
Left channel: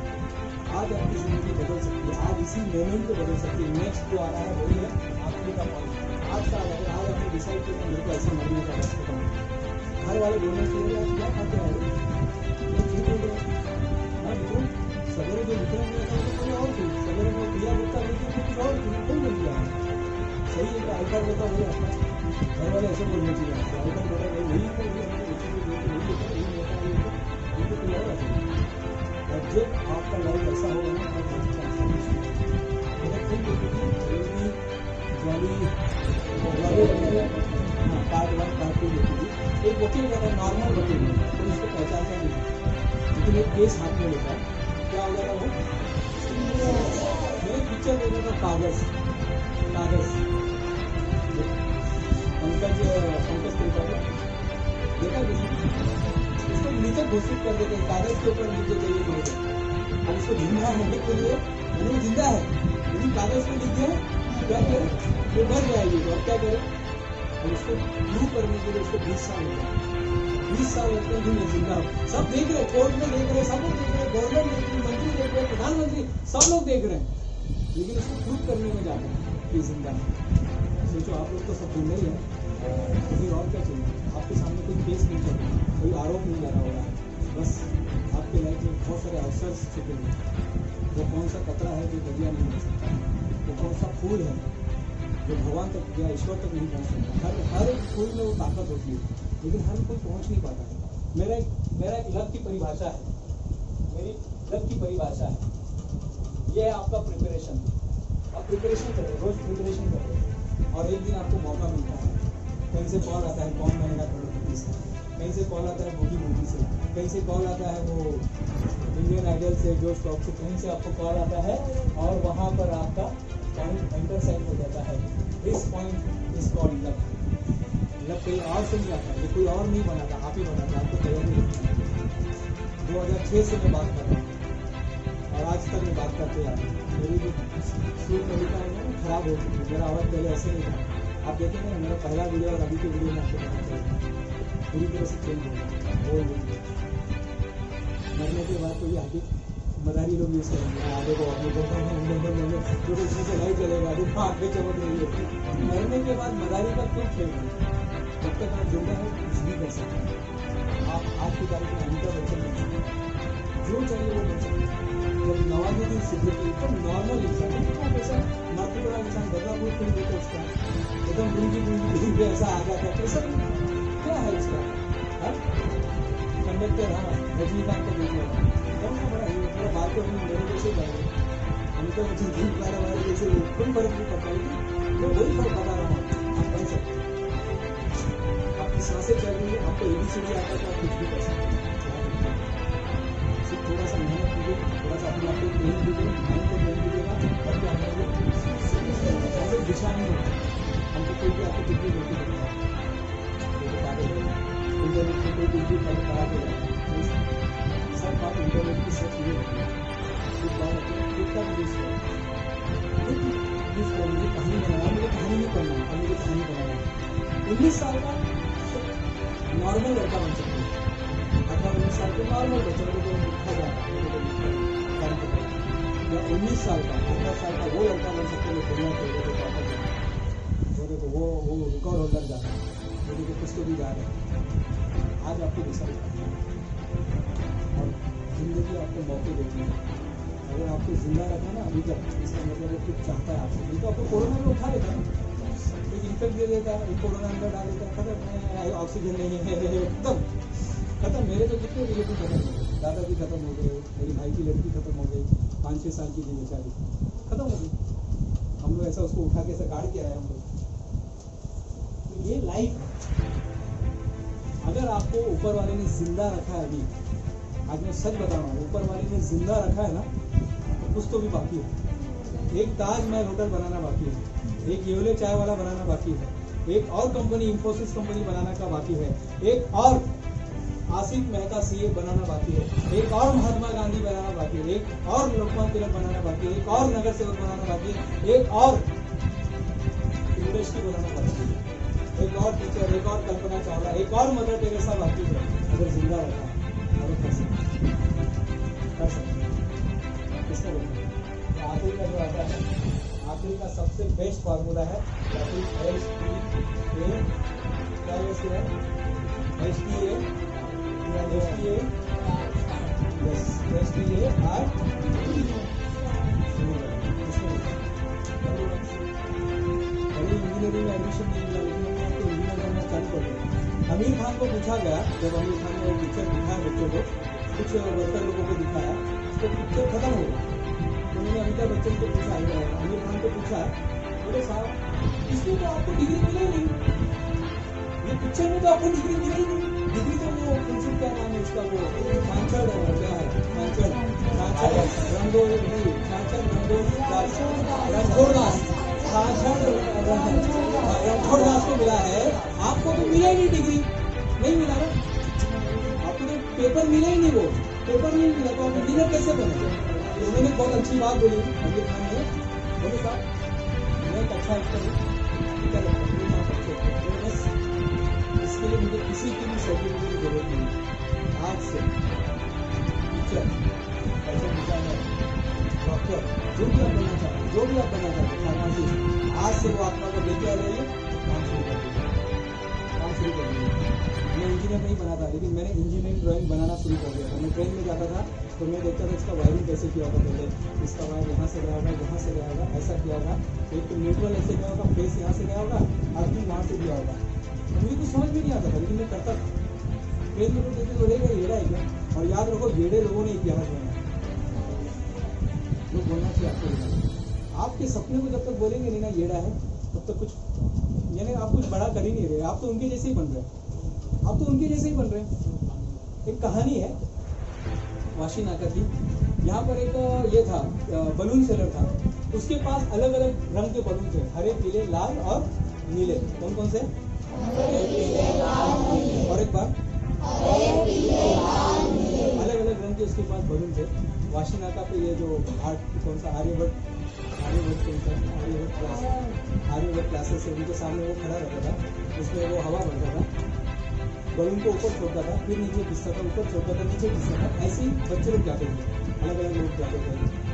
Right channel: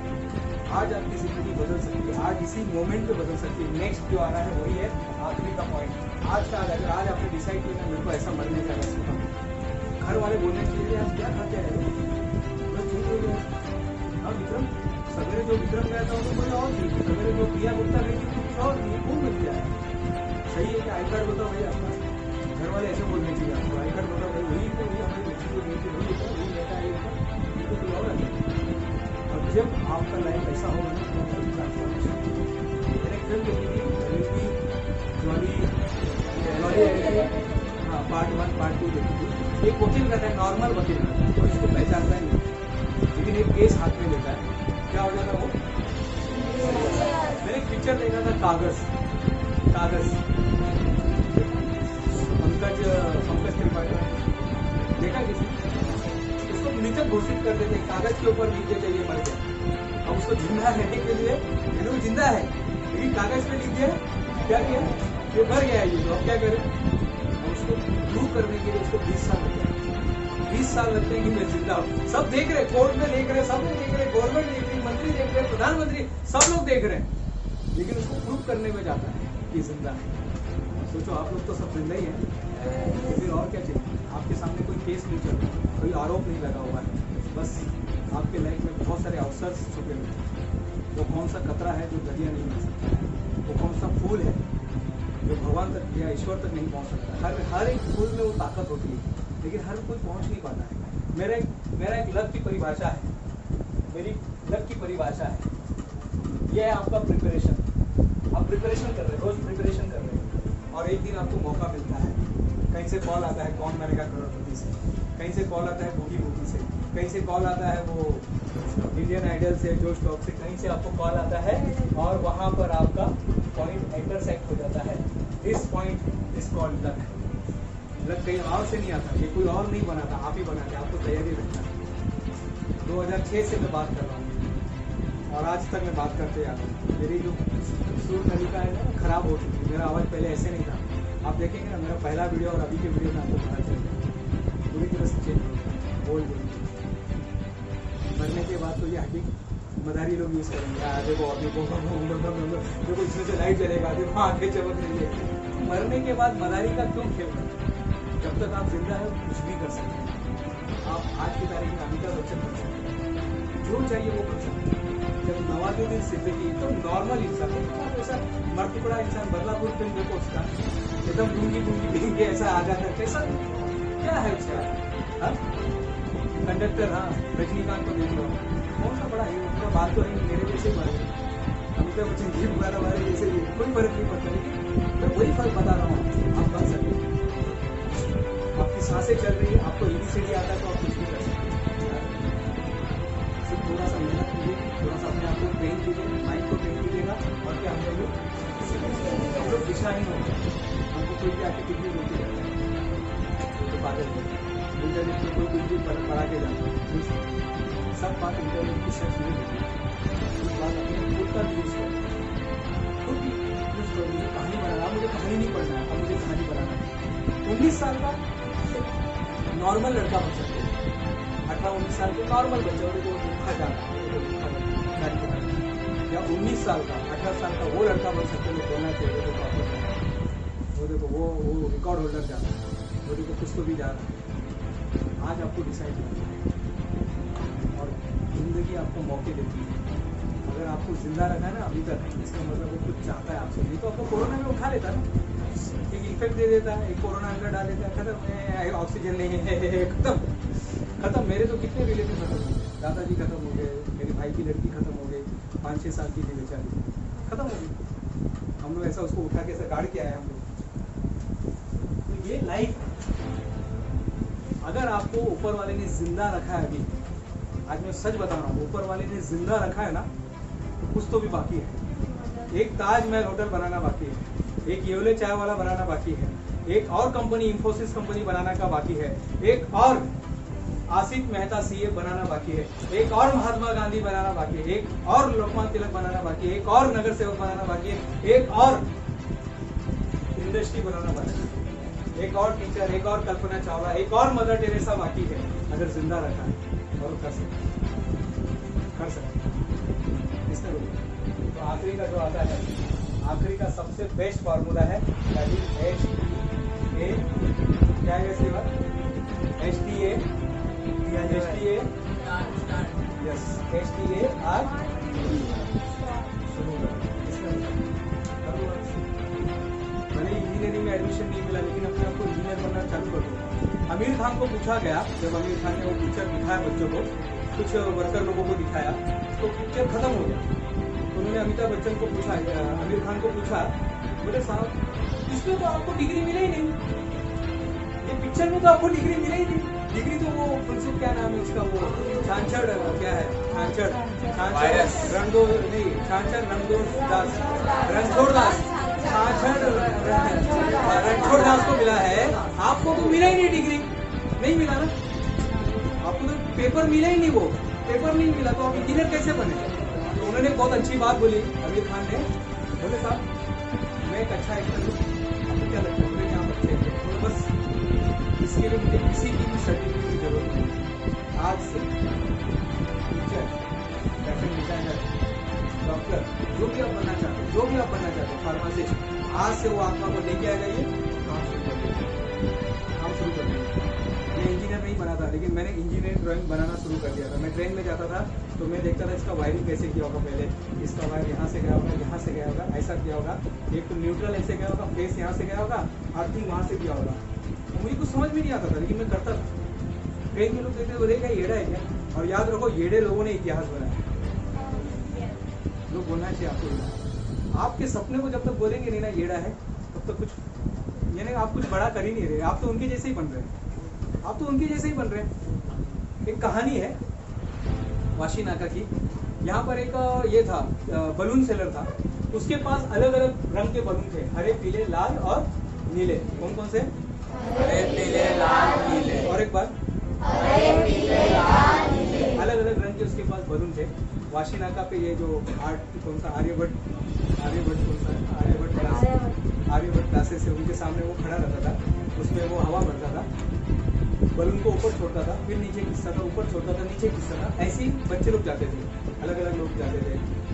आज आपकी जिंदगी बदल सकती है, आज इसी मोमेंट पे बदल सकती है। नेक्स्ट जो आ रहा है वही है आखिरी का पॉइंट। आज का अगर आज आपने डिसाइड किया मेरे को ऐसा मरने का है, खत्म। घर वाले बोलने के लिए आप क्या खाते हैं, लोग ठीक हो गए। हाँ विक्रम, सवेरे जो विक्रम गया था वो तो मुझे और थी, सवेरे जो प्रिया गुप्ता गई थी कुछ और थी, कौन बन गया? सही है कि आई कार्ड बताओ भाई आपका, घर वाले ऐसे बोलने चाहिए आपको, आई कार्ड बताओ भाई वही हमारी बच्ची को बेटी वही होता है, वही नेता है, ये तो कोई और है। और जब आपका लाइफ ऐसा होगा ना तो ट्रांसफॉर्मेशन जॉली हाँ पार्ट 1 पार्ट 2 देखी थी। एक वकील रहता है, नॉर्मल वकील रहता है, कोई उसको पहचानता नहीं, लेकिन एक केस हाथ में लेता है, क्या हो जाता वो? मैं एक पिक्चर देखा था, कागज पंकज त्रिपाठी, देखा किसी? उसको मृतक घोषित कर देते हैं, कागज के ऊपर लिख देते ये मर गया। अब उसको जिंदा रहने के लिए, वो जिंदा है लेकिन कागज पे लिख दिया, क्या किया? ये मर गया है, ये तो अब क्या करें? और उसको प्रूव करने के लिए उसको 20 साल लगते हैं, 20 साल लगते हैं कि मैं जिंदा हूँ। सब देख रहे, कोर्ट में देख रहे, सब लोग देख रहे, गवर्नमेंट देख रही, मंत्री देख रहे, प्रधानमंत्री, सब लोग देख रहे हैं, लेकिन उसको प्रूव करने में जाता है कि जिंदा है। सोचो आप लोग तो सब जिंदा ही है, फिर और क्या चाहिए? आपके सामने कोई केस नहीं चल रहा, कोई आरोप नहीं लगा हुआ है, बस आपके लाइफ में बहुत सारे अवसर छुपे हुए हैं। वो कौन सा कतरा है जो दरिया नहीं बन सकता, वो कौन सा फूल है जो भगवान तक या ईश्वर तक नहीं पहुंच सकता। हर एक फूल में वो ताकत होती है, लेकिन हर कोई पहुंच नहीं पाता है। मेरा एक लक की परिभाषा है, मेरी लक की परिभाषा है, ये है आपका प्रिपरेशन। आप प्रिपरेशन कर रहे हैं, रोज प्रिपरेशन कर रहे हैं, और एक दिन आपको मौका मिलता है, कहीं से कॉल आता है कौन बनेगा करोड़पति से, कहीं से कॉल आता है बूगी से, कहीं से कॉल आता है वो इंडियन आइडल से, जोश टॉक से, कहीं से आपको कॉल आता है, और वहां पर आपका पॉइंट इंटरसेक्ट हो जाता है। This point is called luck. Luck कहीं और से नहीं आता, ये कोई और नहीं बनाता, आप ही बनाते, आपको तैयारी रखना है। 2006 से मैं बात कर रहा हूँ और आज तक मैं बात करते आ रहा हूँ। मेरी जो सुर नलिका है ना खराब हो चुकी है, मेरा आवाज़ पहले ऐसे नहीं था। आप देखेंगे ना मेरा पहला वीडियो और अभी के वीडियो में आपको पता चलेगा, पूरी तरह से चेंज हो गया, बोल मरने के बाद तो ये हड्डी मदारी लोग यूज करेंगे, देखो देखो इसमें से लाइट जलेगा, देखो आंखें चमक रही है। मरने के बाद मदारी का क्यों खेल रहे? जब तक आप जिंदा है कुछ भी कर सकते हैं। आप आज की तारीख में अमिताभ बच्चन बन सकते हैं, जो चाहिए वो बन सकते हैं। जब नवाजुद्दीन सिद्दीकी एकदम नॉर्मल इंसान, आप ऐसा मर टुकड़ा इंसान, बदलापुर फिल्म देखो उसका, एकदम लूंगी लूंगी ऐसा आ जाता है, कैसा क्या है उसका कंडक्टर? हाँ, रजनीकांत को देख लो, कौन सा बड़ा है, पूरा बात तो है मेरे जैसे ही मर गए। अमिताभ बच्चन जी हमारे जैसे कोई फर्क नहीं पड़ता, लेकिन मैं वही फर्क बता रहा हूँ, आप बन सकते हैं। आपकी सांसें चल रही है, आपको ABCD आता है तो आप कुछ भी कर सकते हैं। सिर्फ थोड़ा सा मेहनत कीजिए, थोड़ा सा अपने आप को ट्रेन कीजिए, माइंड को ट्रेन कीजिएगा, और फिर हम लोग दिशाहीन होते हैं। हमको कोई भी आके कुछ भी बोलते रहता है, तो पागल है। इंटरनेट में कोई कुछ भी पढ़ा के जाता है, सब बात इंटरनेट की सच नहीं होती है। कुछ बात अपने खुद का यूज करो, खुद यूज करो। मुझे कहानी बनाना, मुझे कहानी नहीं पढ़ना है, अब मुझे कहानी बनाना है। 19 साल का नॉर्मल लड़का बन सकते हैं, 18-19 साल के नॉर्मल बच्चा को लिखा जाता है, या 19 साल का 18 साल का वो लड़का बन सकते हैं जो बोलना चाहिए तो प्रॉपर जाता है। वो देखो वो रिकॉर्ड होल्डर जाता है, वो देखो कुछ तो भी जा रहा है। आज आपको डिसाइड करना है, और जिंदगी आपको मौके देती है। अगर आपको जिंदा रखा है ना अभी तक, इसका मतलब वो कुछ चाहता है आपसे। नहीं तो आपको कोरोना में उठा लेता ना, एक इन्फेक्ट दे देता है, एक कोरोना अंदर डाल देता है, खत्म, ऑक्सीजन नहीं है, खत्म। मेरे तो कितने रिलेटिव खत्म हो गए, दादाजी खत्म हो गए, मेरे भाई की लड़की खत्म हो गई, 5-6 साल की थी बेचारी, खत्म हो गई। हम लोग ऐसा उसको उठा के ऐसा गाड़ के आए हम लोग। तो ये लाइफ है। अगर आपको ऊपर वाले ने जिंदा रखा है अभी, आज मैं सच बता रहा हूँ, ऊपर वाले ने जिंदा रखा है ना, तो कुछ तो भी बाकी है। एक ताजमहल होटल बनाना बाकी है, एक येवले चाय वाला बनाना बाकी है, एक और कंपनी इंफोसिस कंपनी बनाना का बाकी है, एक और आसिफ मेहता CA बनाना बाकी है, एक और महात्मा गांधी बनाना बाकी है, एक और लोकमान्य तिलक बनाना बाकी है, एक और नगर सेवक बनाना बाकी है, एक और इंडस्ट्री बनाना बाकी है, एक और टीचर, एक और कल्पना चावला, एक और मदर टेरेसा बाकी है। अगर जिंदा रखा है और वो कर सकते, किसने बोला? तो आखिरी का जो आता है, आखिरी का सबसे बेस्ट फार्मूला है HTA, क्या है सिवा HTA, यस HTA भले इंजीनियरिंग में एडमिशन नहीं मिला, लेकिन हमने आपको इंजीनियर बनना चालू कर दिया। आमिर खान को पूछा गया, जब आमिर खान ने वो पिक्चर दिखाया बच्चों को, कुछ वर्कर लोगों को दिखाया, तो पिक्चर खत्म हो गया। तो उन्होंने अमिताभ बच्चन को पूछा, आमिर खान को पूछा, बोले साहब इसमें तो आपको डिग्री मिला ही नहीं, ये पिक्चर में तो आपको डिग्री मिली ही नहीं। डिग्री तो वो फुलसुख क्या नाम है उसका, वो छाछड़ क्या है, छाछड़ रणछोड़ नहीं, छाछड़ रणछोड़ दास, रणछोड़ दास, छाछड़ रणछोड़ दास को मिला है, आपको तो मिला ही नहीं डिग्री, नहीं मिला ना आपको, तो पेपर मिला ही नहीं, वो पेपर नहीं मिला तो आप इंजीनियर कैसे बने? तो उन्होंने बहुत अच्छी बात बोली आमिर खान ने, बोले साहब मैं एक अच्छा एक्टर हूँ, आपको क्या लगता है मैंने यहाँ पर खेल तो बस इसके लिए मुझे किसी की भी सर्टिफिकेट की जरूरत नहीं है। आज से टीचर, फैशन डिजाइनर, डॉक्टर, जो भी आप बनना चाहते हैं, जो भी आप बनना चाहते हैं, फार्मासिस्ट, आज से वो आत्मा को लेके आ जाइए, काम शुरू कर दीजिए, काम शुरू कर दीजिए। मैं इंजीनियर नहीं बना था, लेकिन मैंने इंजीनियरिंग ड्राइंग बनाना शुरू कर दिया था। मैं ट्रेन में जाता था तो मैं देखता था इसका वायरिंग कैसे किया होगा, पहले इसका वायर यहाँ से गया होगा, यहाँ से गया होगा, ऐसा किया होगा, एक तो न्यूट्रल ऐसे गया होगा, फेस यहाँ से गया होगा, अर्थिंग वहाँ से किया होगा। तो मुझे कुछ समझ में नहीं आता था, लेकिन मैं करता था। ट्रेन में लोग देखते बोले क्या येड़ा है क्या? और याद रखो येड़े लोगों ने इतिहास बनाया। लोग बोलना चाहिए आपको येड़ा। आपके सपने को जब तक बोलेंगे नहीं ना येड़ा है, तब तक कुछ यानी आप कुछ बड़ा कर ही नहीं रहे, आप तो उनके जैसे ही बन रहे हैं, आप तो उनके जैसे ही बन रहे हैं। एक कहानी है वाशी नाका की, यहाँ पर एक ये था बलून सेलर था, उसके पास अलग अलग रंग के बलून थे, हरे पीले लाल और नीले। कौन कौन से? हरे पीले लाल नीले। और एक बार हरे पीले लाल नीले, अलग अलग रंग के उसके पास बलून थे। वाशी नाका पे ये जो आर्ट कौन सा आर्यभट्ट कौन सा आर्यभट्ट क्लासेस है, उनके सामने वो खड़ा रहता था, उसमें वो हवा भरता था, बलून को ऊपर छोड़ता था, फिर नीचे खींचता था, ऊपर छोड़ता था, नीचे खींचता था। ऐसे ही बच्चे लोग जाते थे, अलग अलग लोग जाते थे,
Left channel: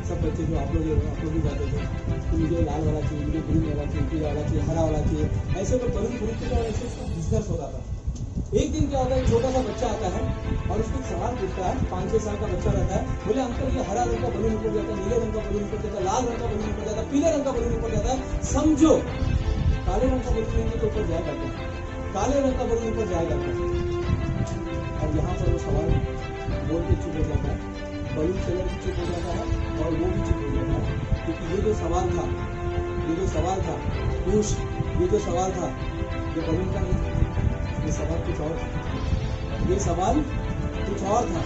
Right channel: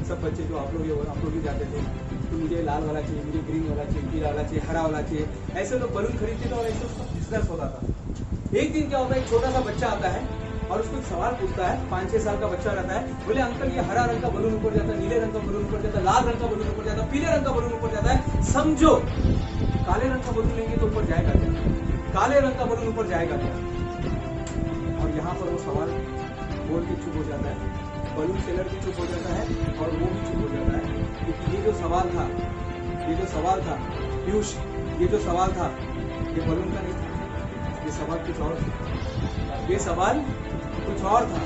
सब बच्चे जो आप लोग भी जाते थे, तो मुझे लाल वाला चाहिए, मुझे ग्रीन वाला चाहिए, पीला वाला चाहिए, हरा वाला चाहिए, ऐसे लोग बलून खरीदते थे और ऐसे उसका बिजनेस होता था। एक दिन क्या होता है, एक छोटा सा बच्चा आता है और उसको एक सवाल पूछता है, 5-6 साल का बच्चा रहता है, बोले अंकल ये हरा रंग का बलून ऊपर जाता है, नीले रंग का बलून ऊपर जाता है, लाल रंग का बलून ऊपर जाता है, पीले रंग का बलून ऊपर जाता है, समझो काले रंग का बलून लेंगे तो ऊपर जाएगा क्या? काले रंग का बलून ऊपर जाएगा क्या? और यहाँ पर वो सवाल बोल के चुप हो जाता है, बलून सेलर भी चुप हो जाता है और वो भी चुप हो जाता है, क्योंकि ये जो सवाल था पीयूष, ये जो सवाल था ये बलून का नहीं था, ये सवाल कुछ और था, ये सवाल कुछ और था।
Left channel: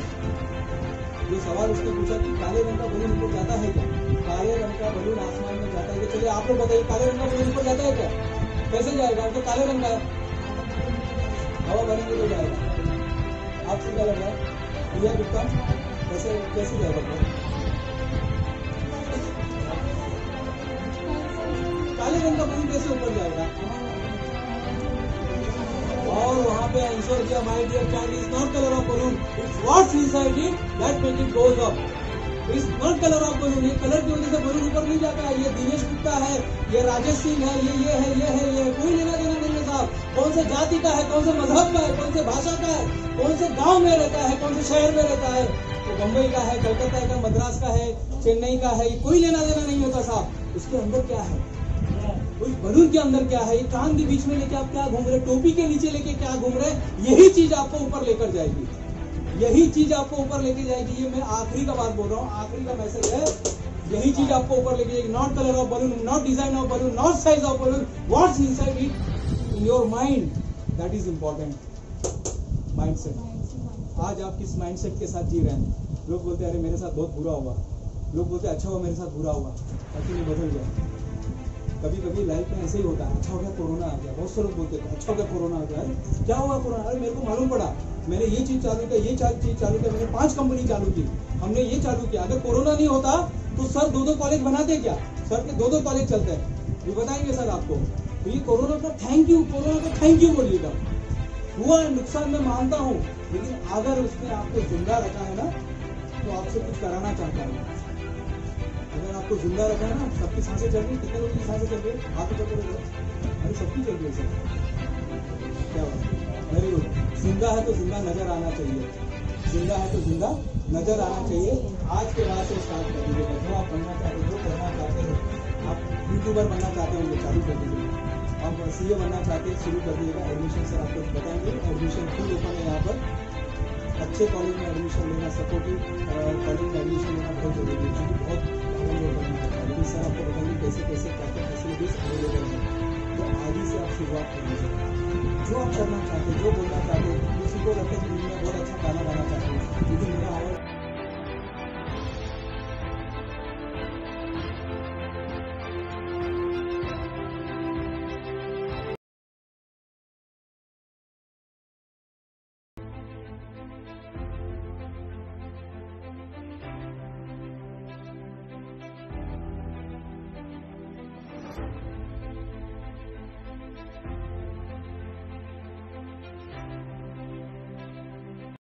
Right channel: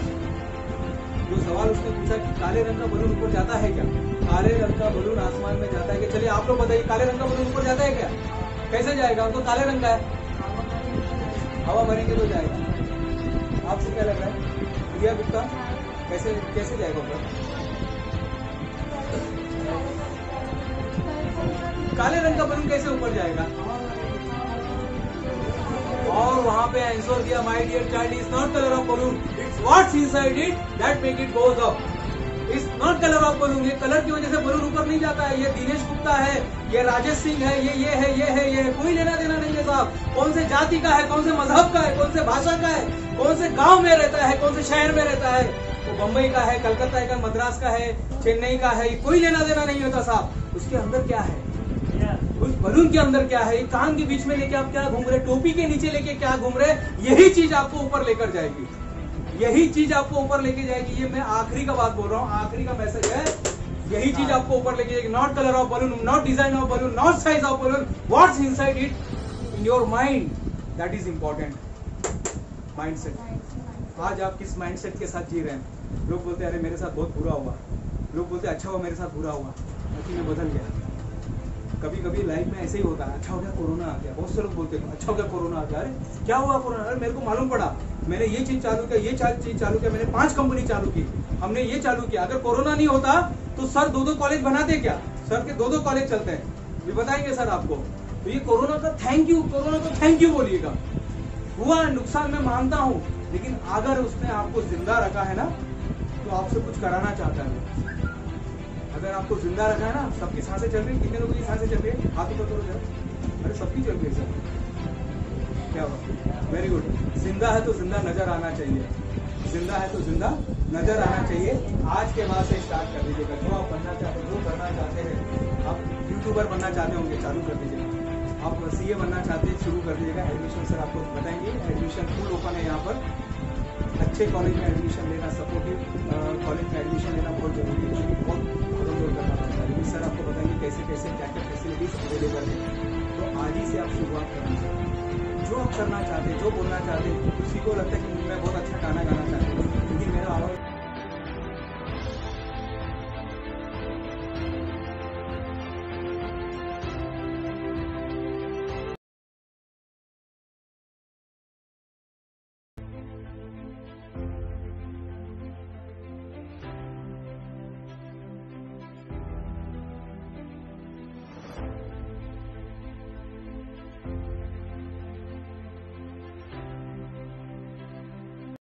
जो सवाल उसने पूछा कि काले रंग का बलून ऊपर जाता है क्या? काले रंग का बलून आसमान में जाता है क्या? चलिए आप लोग बताइए, काले रंग का बलून ऊपर जाता है क्या? कैसे जाएगा? वो तो काले रंग का है, हवा भरेंगे तो जाएगा। आपसे क्या लग रहा है प्रिया गुप्ता, कैसे जाएगा ऊपर? काले रंग का बलून कैसे ऊपर जाएगा? और वहां पे आंसर दिया, my dear child, is not colour of balloon, it's what's inside it that make it goes up. Is not colour of balloon, ये कलर की वजह से बलून ऊपर नहीं जाता है। ये दिनेश गुप्ता है, ये राजेश सिंह है, ये है, कोई लेना देना नहीं है साहब। कौन से जाति का है, कौन से मजहब का है, कौन से भाषा का है, कौन से गांव में रहता है, कौन से शहर में रहता है, तो बम्बई का है, कलकत्ता का, मद्रास का है, चेन्नई का है, कोई लेना देना नहीं होता साहब। उसके अंदर क्या है, उस बलून के अंदर क्या है, कान के बीच में लेके आप क्या घूम रहे, टोपी के नीचे लेके क्या घूम रहे, यही चीज आपको ऊपर लेकर जाएगी, यही चीज आपको ऊपर लेके जाएगी। ये मैं आखिरी का बात बोल रहा हूँ, आखिरी का मैसेज है, यही चीज आपको ऊपर लेके जाएगी। Not colour of balloon, not design of balloon, not size of balloon, what's inside it in your mind, that is important. Mindset, आज आप किस माइंडसेट के साथ जी रहे हैं? लोग बोलते हैं अरे मेरे साथ बहुत बुरा हुआ, लोग बोलते हैं अच्छा हुआ मेरे साथ बुरा हुआ, बाकी मैं बदल गया। कभी कभी लाइफ में ऐसे ही होता है, अच्छा हो गया कोरोना आ गया, बहुत से लोग बोलते हैं अच्छा हो गया कोरोना आ गया, अरे क्या हुआ कोरोना? अरे मेरे को मालूम पड़ा, मैंने ये चीज चालू किया, ये चीज चालू किया, मैंने 5 कंपनी चालू की, हमने ये चालू किया। अगर कोरोना नहीं होता तो सर 2-2 कॉलेज बनाते क्या? सर के 2-2 कॉलेज चलते हैं, ये बताएंगे सर आपको। तो ये कोरोना का थैंक यू, कोरोना को थैंक यू बोलिएगा। हुआ नुकसान मैं मानता हूँ, लेकिन अगर उसने आपको जिंदा रखा है ना, तो आपसे कुछ कराना चाहता है। अगर आपको जिंदा रखा है ना, सबकी सांसें चल रही, कितने लोगों की सांसें चल रही है? हाथ ऊपर करो, अरे सबकी चल रही है सर, क्या हुआ? Very good. जिंदा है तो जिंदा नजर आना चाहिए, जिंदा है तो जिंदा नजर आना चाहिए। आज के बाद से स्टार्ट कर दीजिएगा, जो आप बनना चाहते हो, जो करना चाहते हैं, आप यूट्यूबर बनना चाहते होंगे चालू कर दीजिएगा, आप सीए बनना चाहते हैं शुरू कर दीजिएगा। एडमिशन सर आपको बताएंगे, एडमिशन फुल ओपन है यहाँ पर। अच्छे कॉलेज में एडमिशन लेना, सपोर्टिव कॉलेज में एडमिशन लेना बहुत जरूरी है, क्योंकि बहुत करना पड़ता है। लेकिन सर आपको बताएंगे कैसे कैसे क्या क्या फैसिलिटीज अवेलेबल है, तो आज ही से आप शुरुआत करना चाहिए। जो आप करना चाहते, जो बोलना चाहते, किसी को लगता है कि मैं बहुत अच्छा गाना गाना चाहती हूँ, लेकिन मेरा आवाज़